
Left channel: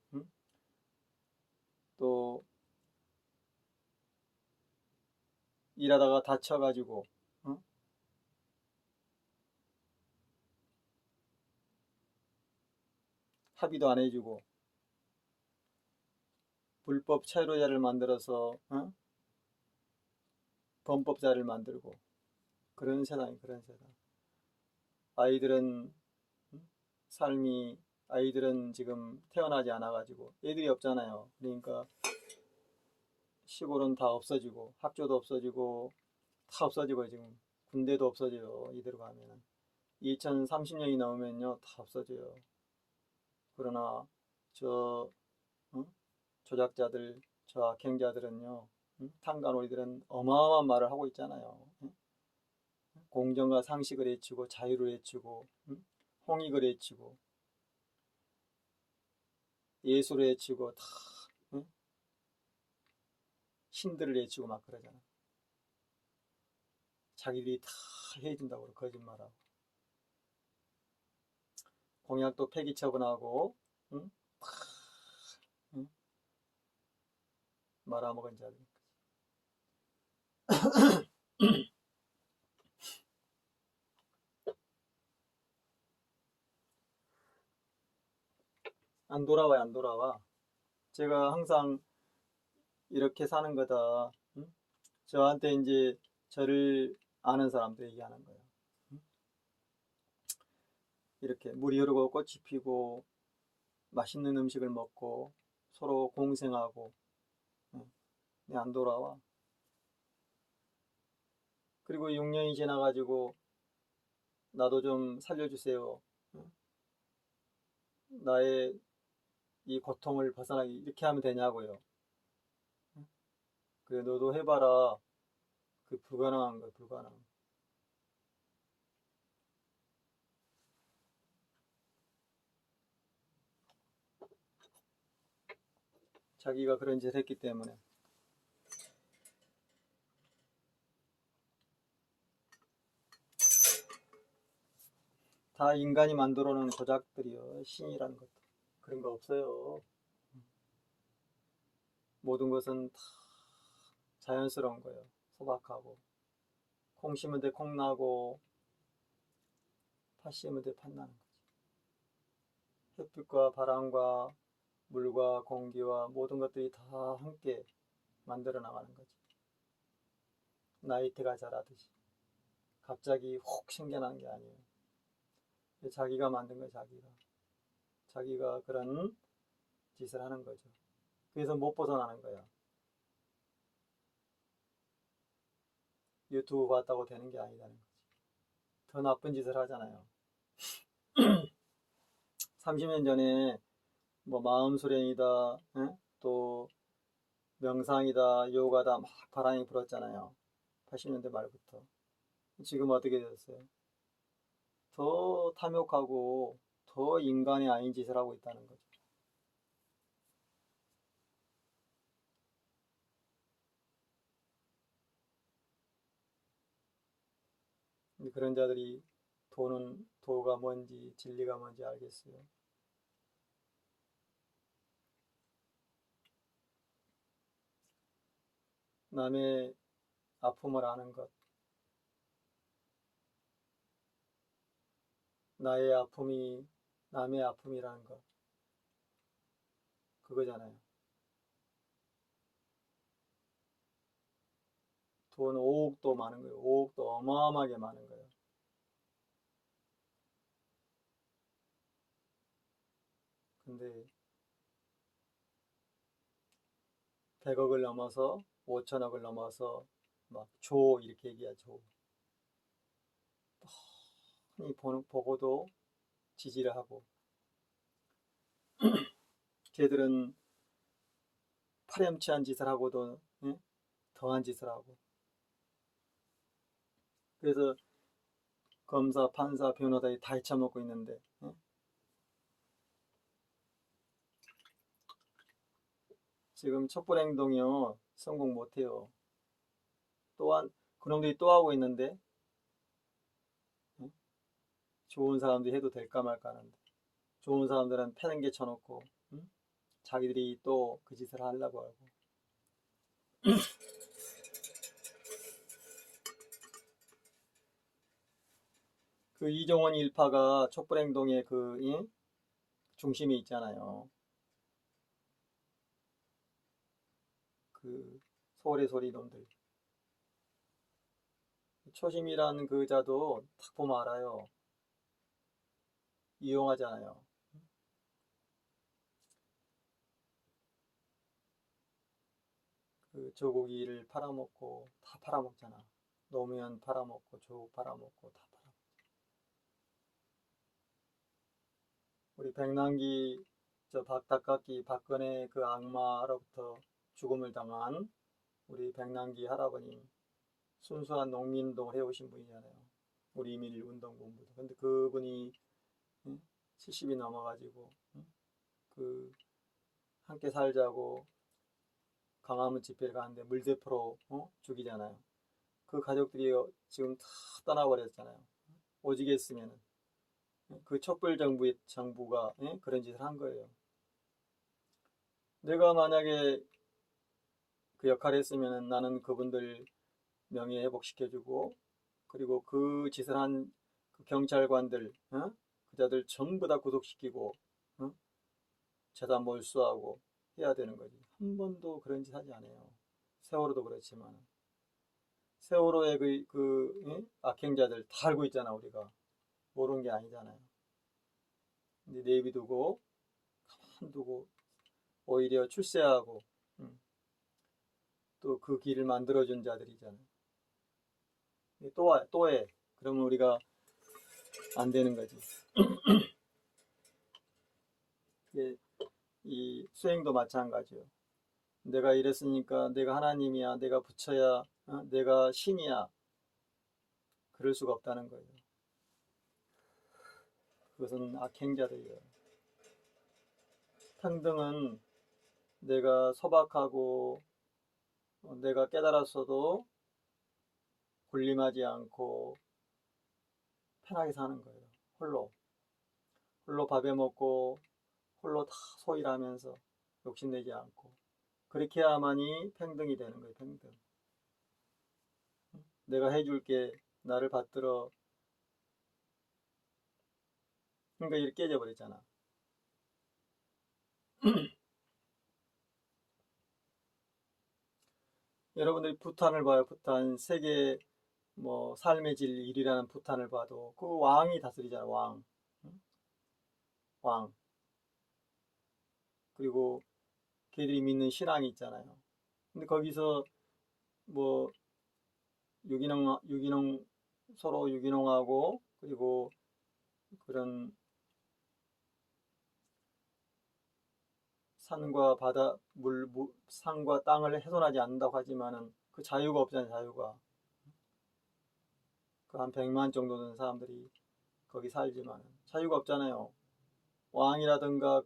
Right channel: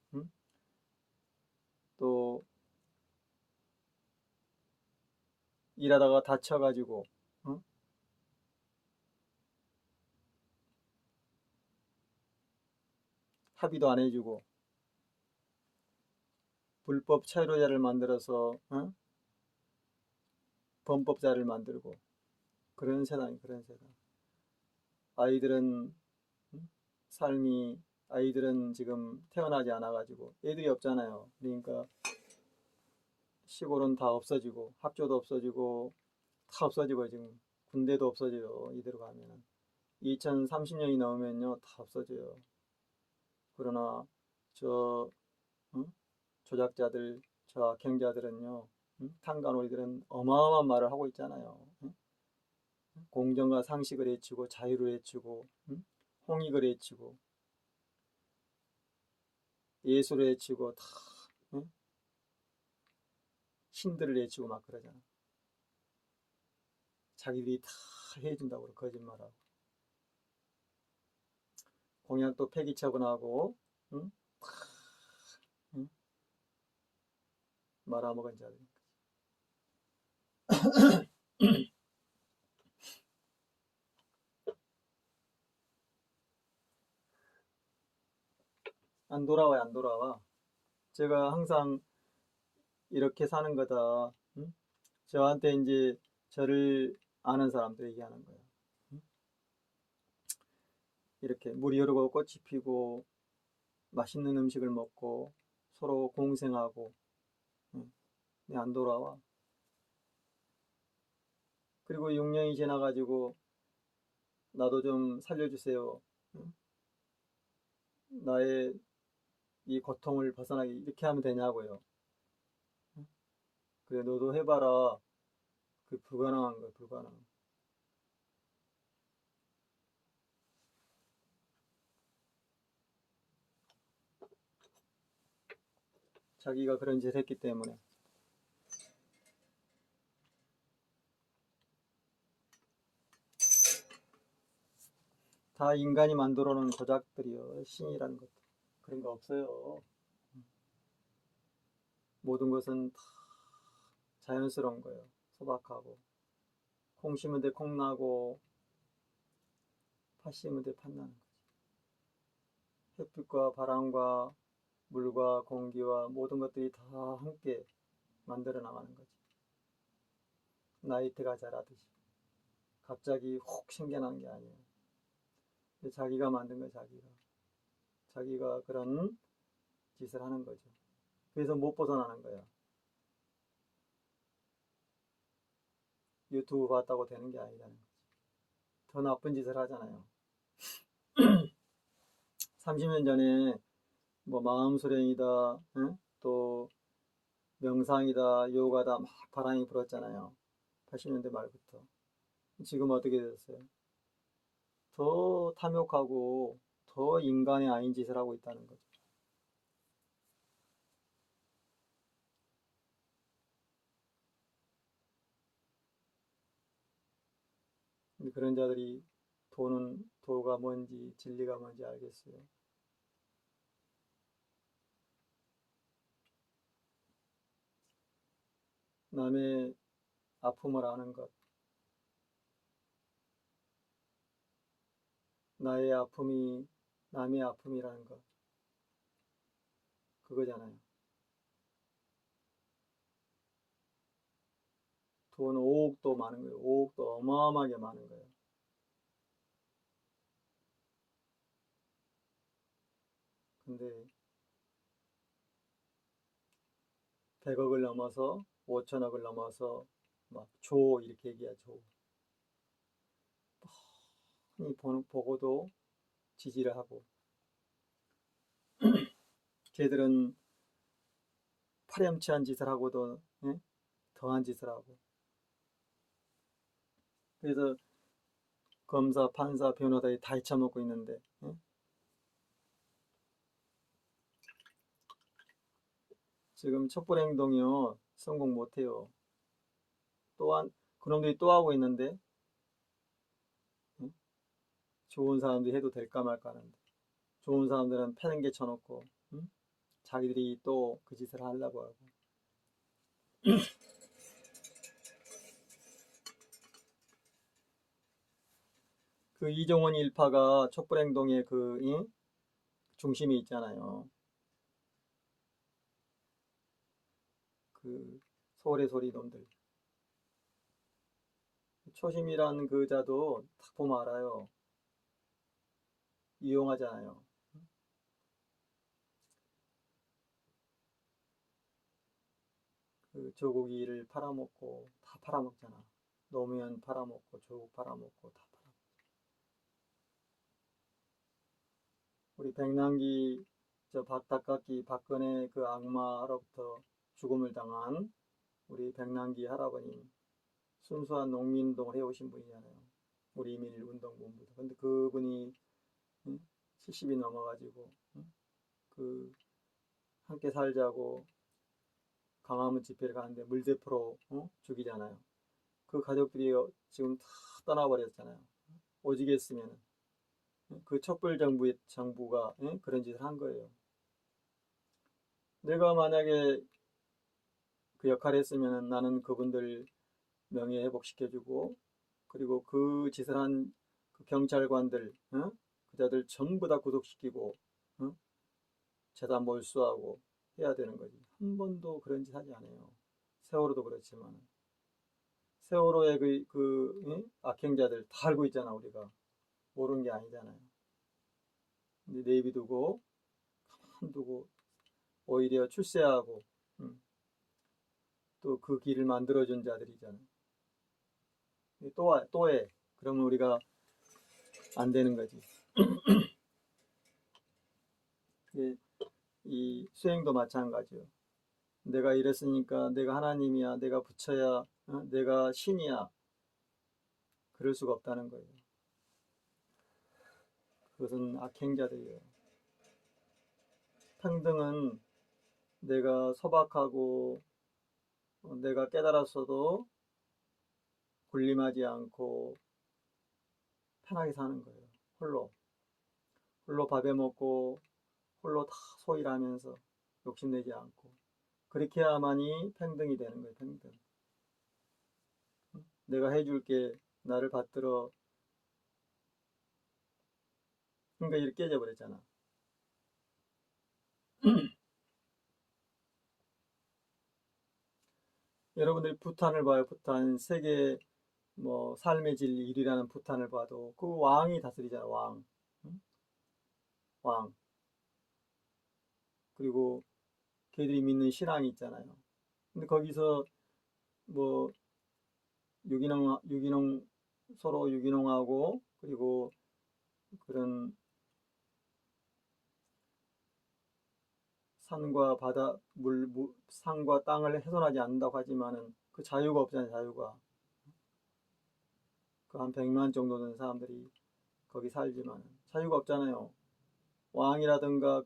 또 일하다가 다쳐가지고, 응? 합의도 안 해주고, 불법 체류자를 만들어서, 응? 범법자를 만들고, 그런 세상이 그런 세상. 아이들은, 응? 삶이, 아이들은 지금 태어나지 않아가지고, 애들이 없잖아요. 그러니까 시골은 다 없어지고, 학교도 없어지고, 다 없어지고, 지금 군대도 없어져요. 이대로 가면. 2030년이 넘으면요, 다 없어져요. 그러나, 저, 응? 조작자들, 저 악행자들은요, 탄간호이들은 어마어마한 말을 하고 있잖아요. 공정과 상식을 해치고 자유를 해치고 홍익을 해치고 예술을 해치고 다 신들을 해치고 막 그러잖아. 자기들이 다 해준다고 거짓말하고 공약도 폐기 처분하고 응? 응? 말아먹은 자들. 안 돌아와요, 안 돌아와. 제가 항상 이렇게 사는 거다. 저한테 이제 저를 아는 사람들 얘기하는 거예요. 이렇게 물이 흐르고 꽃이 피고 맛있는 음식을 먹고 서로 공생하고 안 돌아와. 그리고 6년이 지나가지고 나도 좀 살려주세요. 나의 이 고통을 벗어나기 이렇게 하면 되냐고요. 그래 너도 해봐라. 그 불가능한 거야 불가능. 자기가 그런 짓을 했기 때문에. 다 인간이 만들어 놓은 조작들이요. 신이라는 것도 그런 거 없어요. 모든 것은 다 자연스러운 거예요. 소박하고 콩 심은 데 콩 나고 팥 심은 데 팥 나는 거지. 햇빛과 바람과 물과 공기와 모든 것들이 다 함께 만들어 나가는 거지. 나이테가 자라듯이 갑자기 혹 생겨난 게 아니에요. 자기가 만든 거예요. 자기가 그런 짓을 하는 거죠. 그래서 못 벗어나는 거야. 유튜브 봤다고 되는 게 아니라는 거지. 더 나쁜 짓을 하잖아요. 30년 전에 뭐 마음수련이다, 또 명상이다, 요가다 막 바람이 불었잖아요. 80년대 말부터. 지금 어떻게 됐어요? 더 탐욕하고 더 인간이 아닌 짓을 하고 있다는 거죠. 근데 그런 자들이 도가 뭔지 진리가 뭔지 알겠어요. 남의 아픔을 아는 것, 나의 아픔이 남의 아픔이라는 것, 그거잖아요. 돈 5억도 많은 거예요. 5억도 어마어마하게 많은 거예요. 근데 100억을 넘어서 5천억을 넘어서 막 조 이렇게 얘기하죠. 이 보고도 지지를 하고 걔들은 파렴치한 짓을 하고도 더한 짓을 하고 그래서 검사, 판사, 변호사들이 다 헤쳐먹고 있는데 지금 촛불행동이요 성공 못해요. 또한 그놈들이 또 하고 있는데 좋은 사람들이 해도 될까 말까 하는데 좋은 사람들은 패는개 쳐놓고 자기들이 또 그 짓을 하려고 하고 그 이종원 일파가 촛불행동의 그 중심에 있잖아요. 그 서울의 소리 놈들. 초심이라는 그 자도 딱 보면 알아요. 이용하잖아요. 그 조국이를 팔아먹고 다 팔아먹잖아. 노무현 팔아먹고 조국 팔아먹고 다 팔아먹고. 우리 백남기 저 박닭깎기 박근혜 그 악마로부터 죽음을 당한 우리 백남기 할아버님 순수한 농민운동을 해오신 분이잖아요. 우리 이민운동본부. 근데 그분이 70이 넘어가지고 그 함께 살자고 강화문 집회를 가는데 물대포로 죽이잖아요. 그 가족들이 지금 다 떠나버렸잖아요. 오직했으면 그 촛불 정부가 그런 짓을 한 거예요. 내가 만약에 그 역할을 했으면 나는 그분들 명예 회복시켜주고 그리고 그 짓을 한 그 경찰관들 그자들 전부 다 구속시키고 재단 몰수하고 해야 되는 거지. 한 번도 그런 짓 하지 않아요. 세월호도 그렇지만 세월호의 악행자들 다 알고 있잖아. 우리가 모르는 게 아니잖아요. 근데 내비두고 가만 두고 오히려 출세하고 또 그 길을 만들어준 자들이잖아요. 또 해. 그러면 우리가 안 되는 거지. 이 수행도 마찬가지요. 내가 이랬으니까 내가 하나님이야, 내가 부처야, 내가 신이야. 그럴 수가 없다는 거예요. 그것은 악행자들이에요. 평등은 내가 소박하고 내가 깨달았어도 군림하지 않고 편하게 사는 거예요. 홀로 밥에 먹고 홀로 다 소일하면서 욕심내지 않고 그렇게 해야만이 평등이 되는 거예요. 평등. 내가 해줄게 나를 받들어. 그러니까 이렇게 깨져버렸잖아. 여러분들이 부탄을 봐요. 부탄 세계 뭐 삶의 질 1위라는 부탄을 봐도 그 왕이 다스리잖아. 왕. 그리고 걔들이 믿는 신앙이 있잖아요. 근데 거기서 뭐 유기농 서로 유기농하고 그리고 그런 산과 바다 산과 땅을 훼손하지 않는다고 하지만은 그 자유가 없잖아요. 자유가 그 한 100만 정도 되는 사람들이 거기 살지만 자유가 없잖아요. 왕이라든가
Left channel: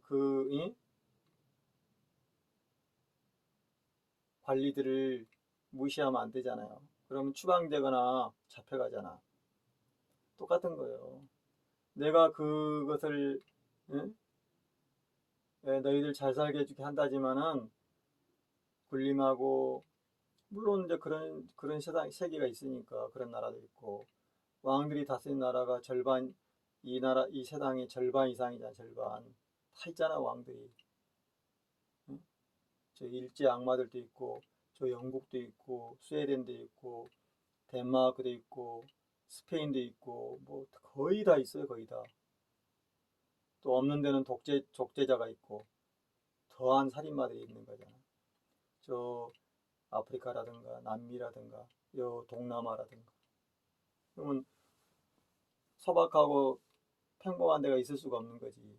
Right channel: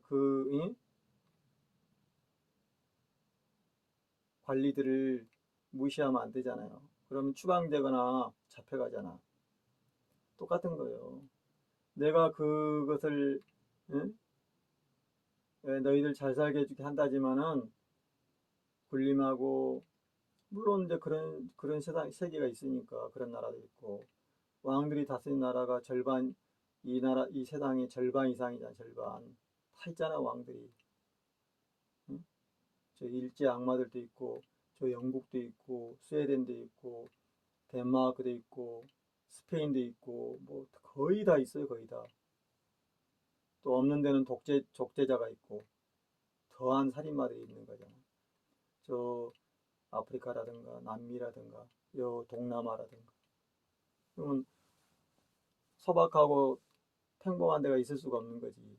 관리들을 무시하면 안 되잖아요. 그러면 추방되거나 잡혀가잖아. 똑같은 거예요. 내가 그것을 너희들 잘 살게 해주게 한다지만은 군림하고 물론 이제 그런 세계가 있으니까 그런 나라도 있고 왕들이 다스린 나라가 절반 이 세상의 절반 이상이잖아. 절반 다 있잖아. 왕들이 저 일제 악마들도 있고 저 영국도 있고 스웨덴도 있고 덴마크도 있고 스페인도 있고 뭐 거의 다 있어요. 거의 다. 또 없는 데는 독재자가 있고 더한 살인마들이 있는 거잖아. 저 아프리카라든가 남미라든가 요 동남아라든가. 그러면 소박하고 평범한 데가 있을 수가 없는 거지.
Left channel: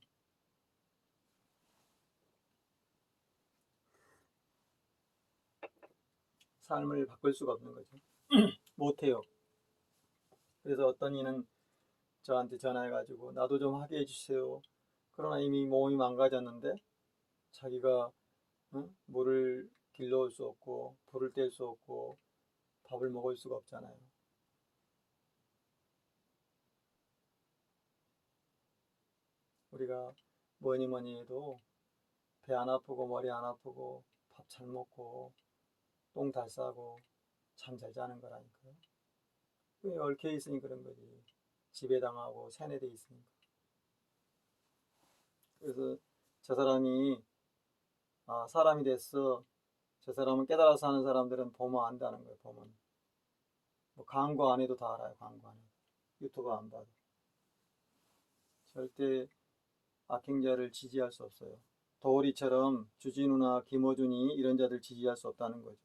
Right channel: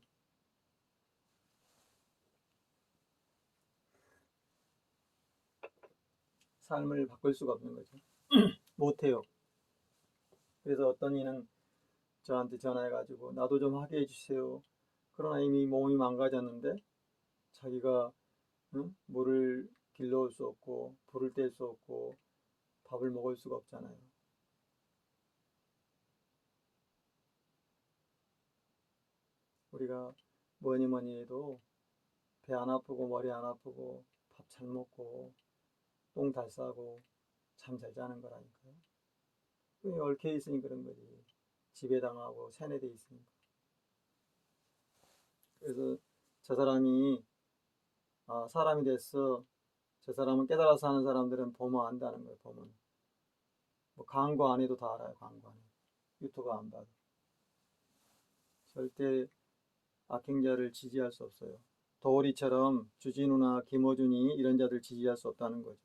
삶을 바꿀 수가 없는 거죠. 못해요. 그래서 어떤 이는 저한테 전화해가지고 나도 좀 하게 해주세요. 그러나 이미 몸이 망가졌는데 자기가 물을 길러올 수 없고 불을 뗄 수 없고 밥을 먹을 수가 없잖아요. 우리가 뭐니 뭐니 해도 배 안 아프고 머리 안 아프고 밥 잘 먹고 똥 잘 싸고 잠 잘 자는 거라니까요. 그게 얽혀 있으니 그런 거지. 지배당하고 세뇌돼 있으니까. 그래서 저 사람이 사람이 됐어. 저 사람은 깨달아서 하는 사람들은 보면 안다는 거예요. 보면 뭐 광고 안 해도 다 알아요. 광고 안 해도 유튜브 안 봐도 절대 악행자를 지지할 수 없어요. 도우리처럼 주진우나 김어준이 이런 자들 지지할 수 없다는 거죠.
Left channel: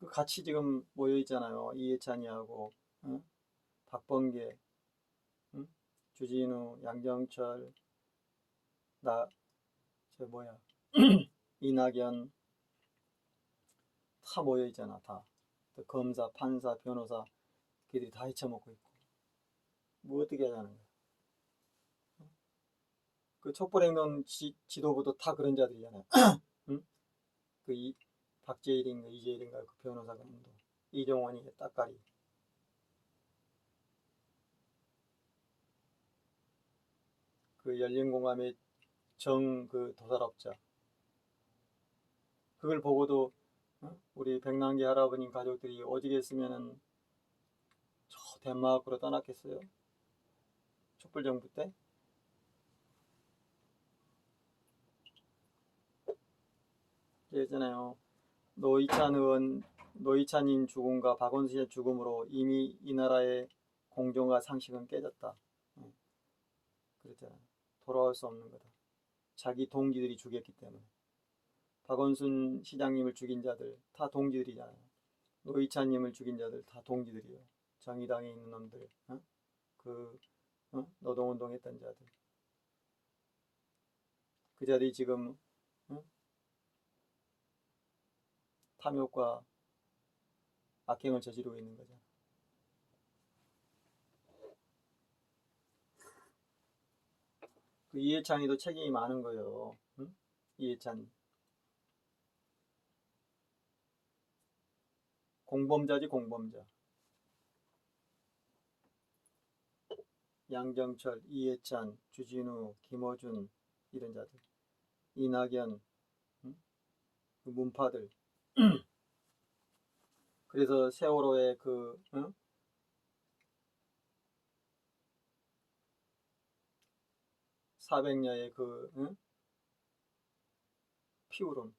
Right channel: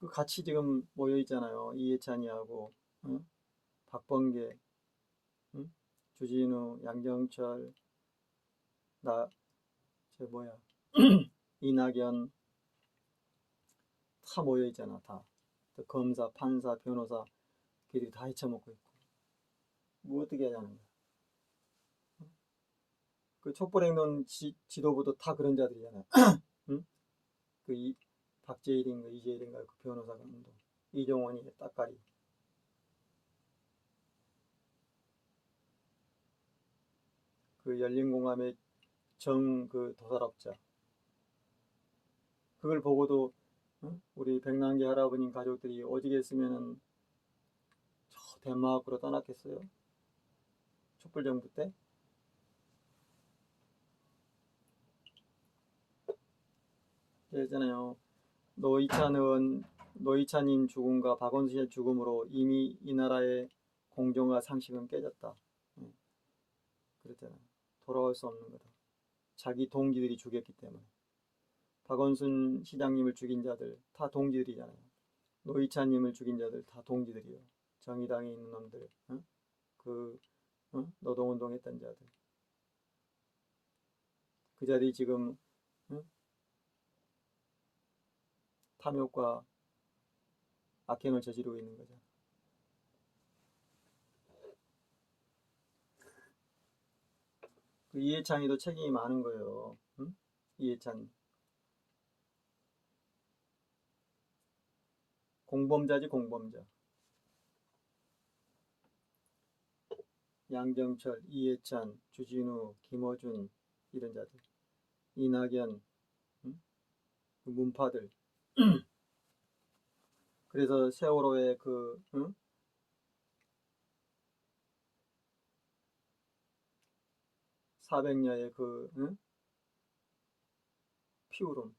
그 같이 지금 모여 있잖아요. 이해찬이하고 박범계, 주진우, 양정철, 저 뭐야 이낙연 다 모여 있잖아. 다 검사, 판사, 변호사 걔들이 다 헤쳐먹고 있고 뭐 어떻게 하자는 거야. 그 촛불행동 지도부도 다 그런 자들이잖아요. 응? 그 박재일인가 이재일인가 그 변호사가 이종원이 따까리. 그 열린공감의 그 도살업자. 그걸 보고도 우리 백남기 할아버님 가족들이 오직했으면은 저 덴마크로 떠났겠어요? 촛불정부 때? 그랬잖아요. 노이찬님 죽음과 박원순의 죽음으로 이미 이 나라의 공정과 상식은 깨졌다. 그랬잖아요. 돌아올 수 없는 거다. 자기 동지들이 죽였기 때문에. 박원순 시장님을 죽인 자들 다 동지들이잖아요. 노이찬님을 죽인 자들 다 동지들이요. 정의당에 있는 놈들, 그 노동운동 했던 자들. 그 자들이 지금 탐욕과 악행을 저지르고 있는 거죠. 그 이해찬이도 책임이 많은 거예요. 이해찬. 공범자지 공범자. 양정철, 이해찬, 주진우, 김어준 이런 자들. 이낙연, 그 문파들. 그래서 세월호의 400녀의 피울음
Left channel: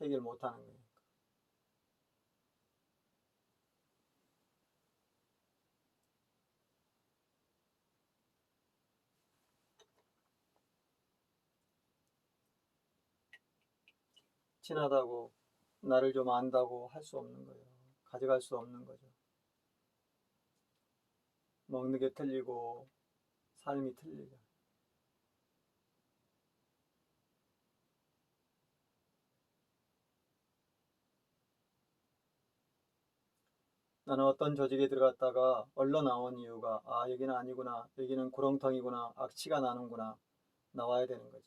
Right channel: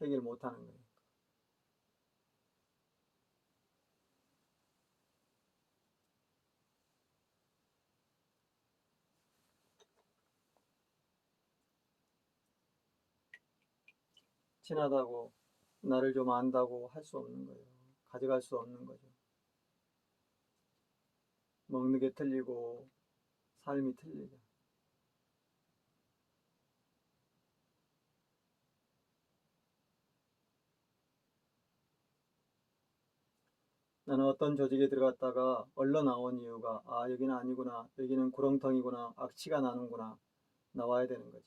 해결 못하는 거예요. 친하다고 나를 좀 안다고 할 수 없는 거예요. 가져갈 수 없는 거죠. 먹는 게 틀리고 삶이 틀리죠. 나는 어떤 조직에 들어갔다가 얼른 나온 이유가 여기는 아니구나. 여기는 구렁텅이구나. 악취가 나는구나. 나와야 되는 거지.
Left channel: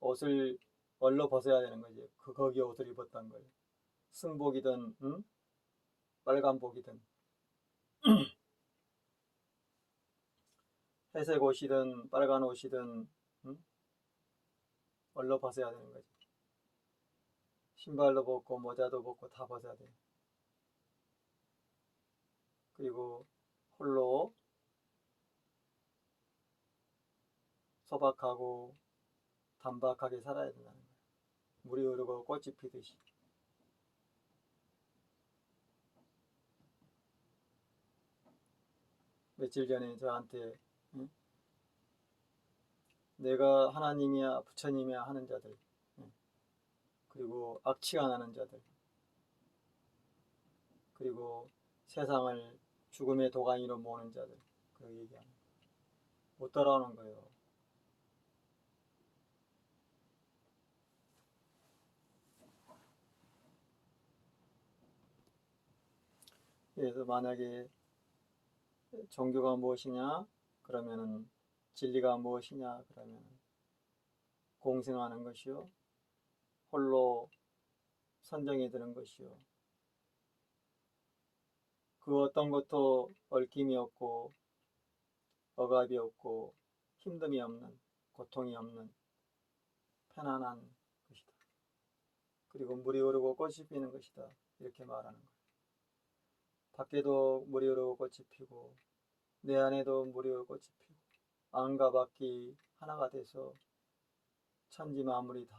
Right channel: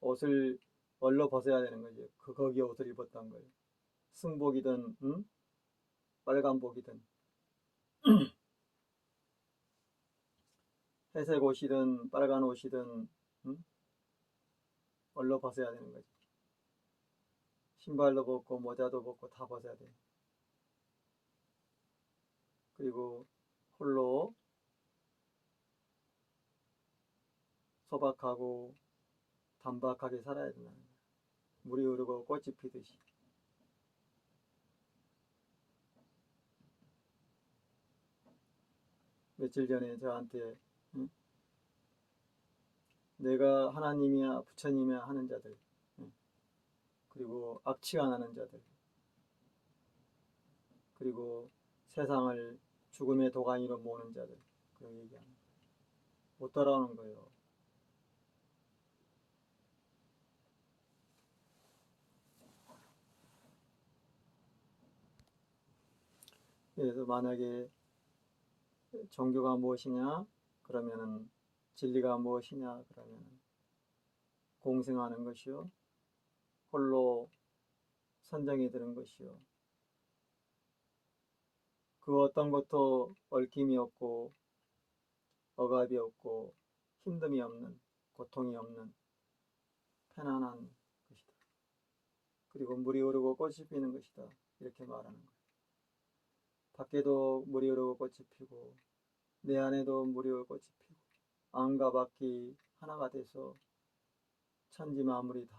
옷을 얼러 벗어야 되는 거지. 거기 옷을 입었던 걸. 승복이든 빨간복이든 회색 옷이든 빨간 옷이든 얼러 벗어야 되는 거지. 신발도 벗고 모자도 벗고 다 벗어야 돼. 그리고 홀로 소박하고 단박하게 살아야 된다는 거야. 물이 흐르고 꽃이 피듯이. 며칠 전에 저한테 내 내가 하나님이야 부처님이야 하는 자들, 그리고 악취가 나는 자들, 그리고 세상을 죽음의 도가니로 모으는 자들, 그 얘기합니다. 못 따라오는 거예요. 그래서 만약에 종교가 무엇이냐 그러면은 진리가 무엇이냐 그러면은 공생하는 것이요, 홀로 선정이 되는 것이요, 그 어떤 것도 얽힘이 없고 억압이 없고 힘듦이 없는, 고통이 없는 편안한 것이다. 그리고 물이 흐르고 꽃이 피는 것이다. 이렇게 말하는 거예요. 밖에도 물이 흐르고 꽃이 피고 내 안에도 물이 흐르고 꽃이 피고 안과 밖이 하나가 돼서 천지 만물이 다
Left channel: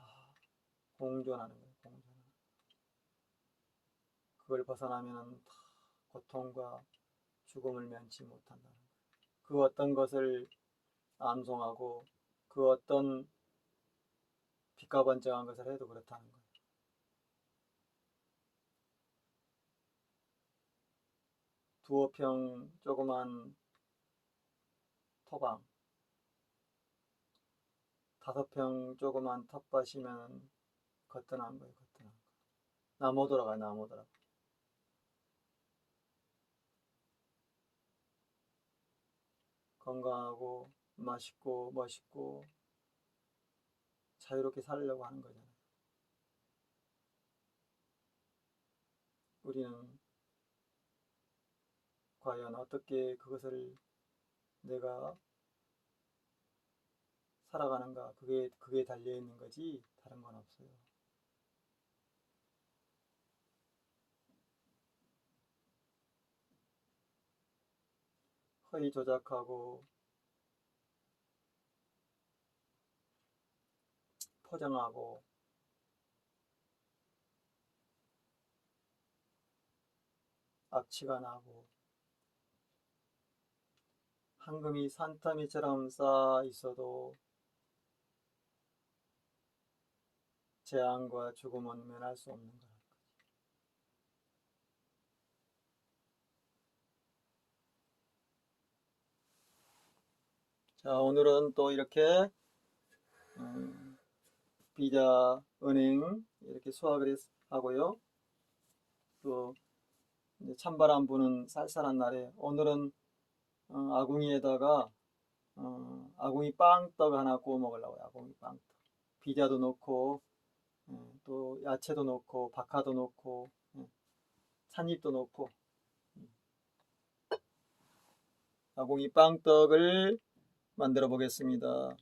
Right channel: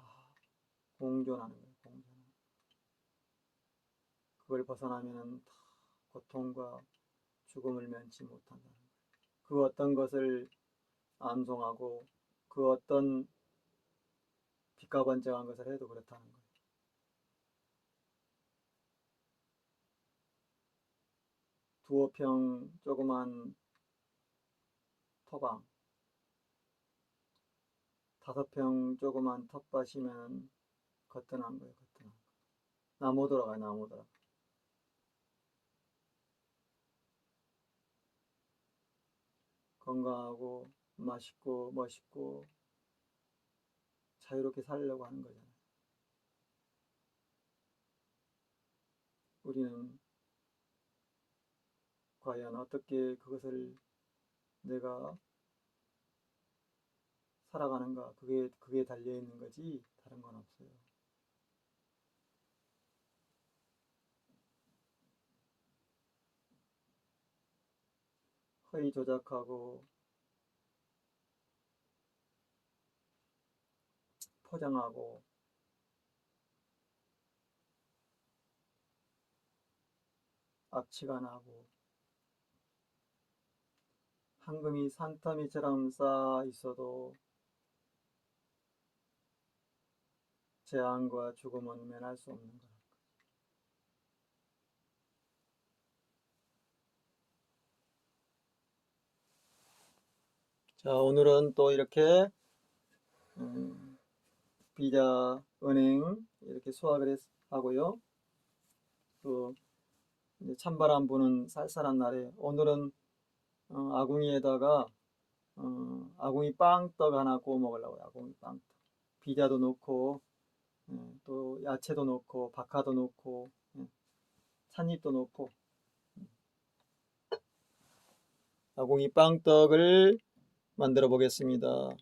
공존하는 거예요. 공존하는. 그걸 벗어나면은 다 고통과 죽음을 면치 못한다. 그 어떤 것을 암송하고 그 어떤 빛과 번쩍한 것을 해도 그렇다는 거예요. 두어 평 조그만 토방, 5평 조그만 텃밭이면 거뜬한 거예요. 거뜬한 거. 나 못 들어가요. 나 못 들어가. 건강하고 맛있고 멋있고 자유롭게 살려고 하는 거잖아요. 우리는 과연 어떻게 그것을 내가 살아가는가, 그게 달려 있는 거지 다른 건 없어요. 허위 조작하고 포장하고 악취가 나고 황금이 산더미처럼 쌓아 있어도 재앙과 죽음은 면할 수 없는 거예요. 자, 오늘은 또 이렇게 비자, 은행 이렇게 수학을 하고요. 또 찬바람 부는 쌀쌀한 날에 오늘은 아궁이에다가 아궁이 빵떡 하나 구워 먹으려고요. 아궁이 빵떡. 비자도 넣고 또 야채도 넣고 박하도 넣고 찻잎도 넣고 아궁이 빵떡을 만들어 보겠습니다.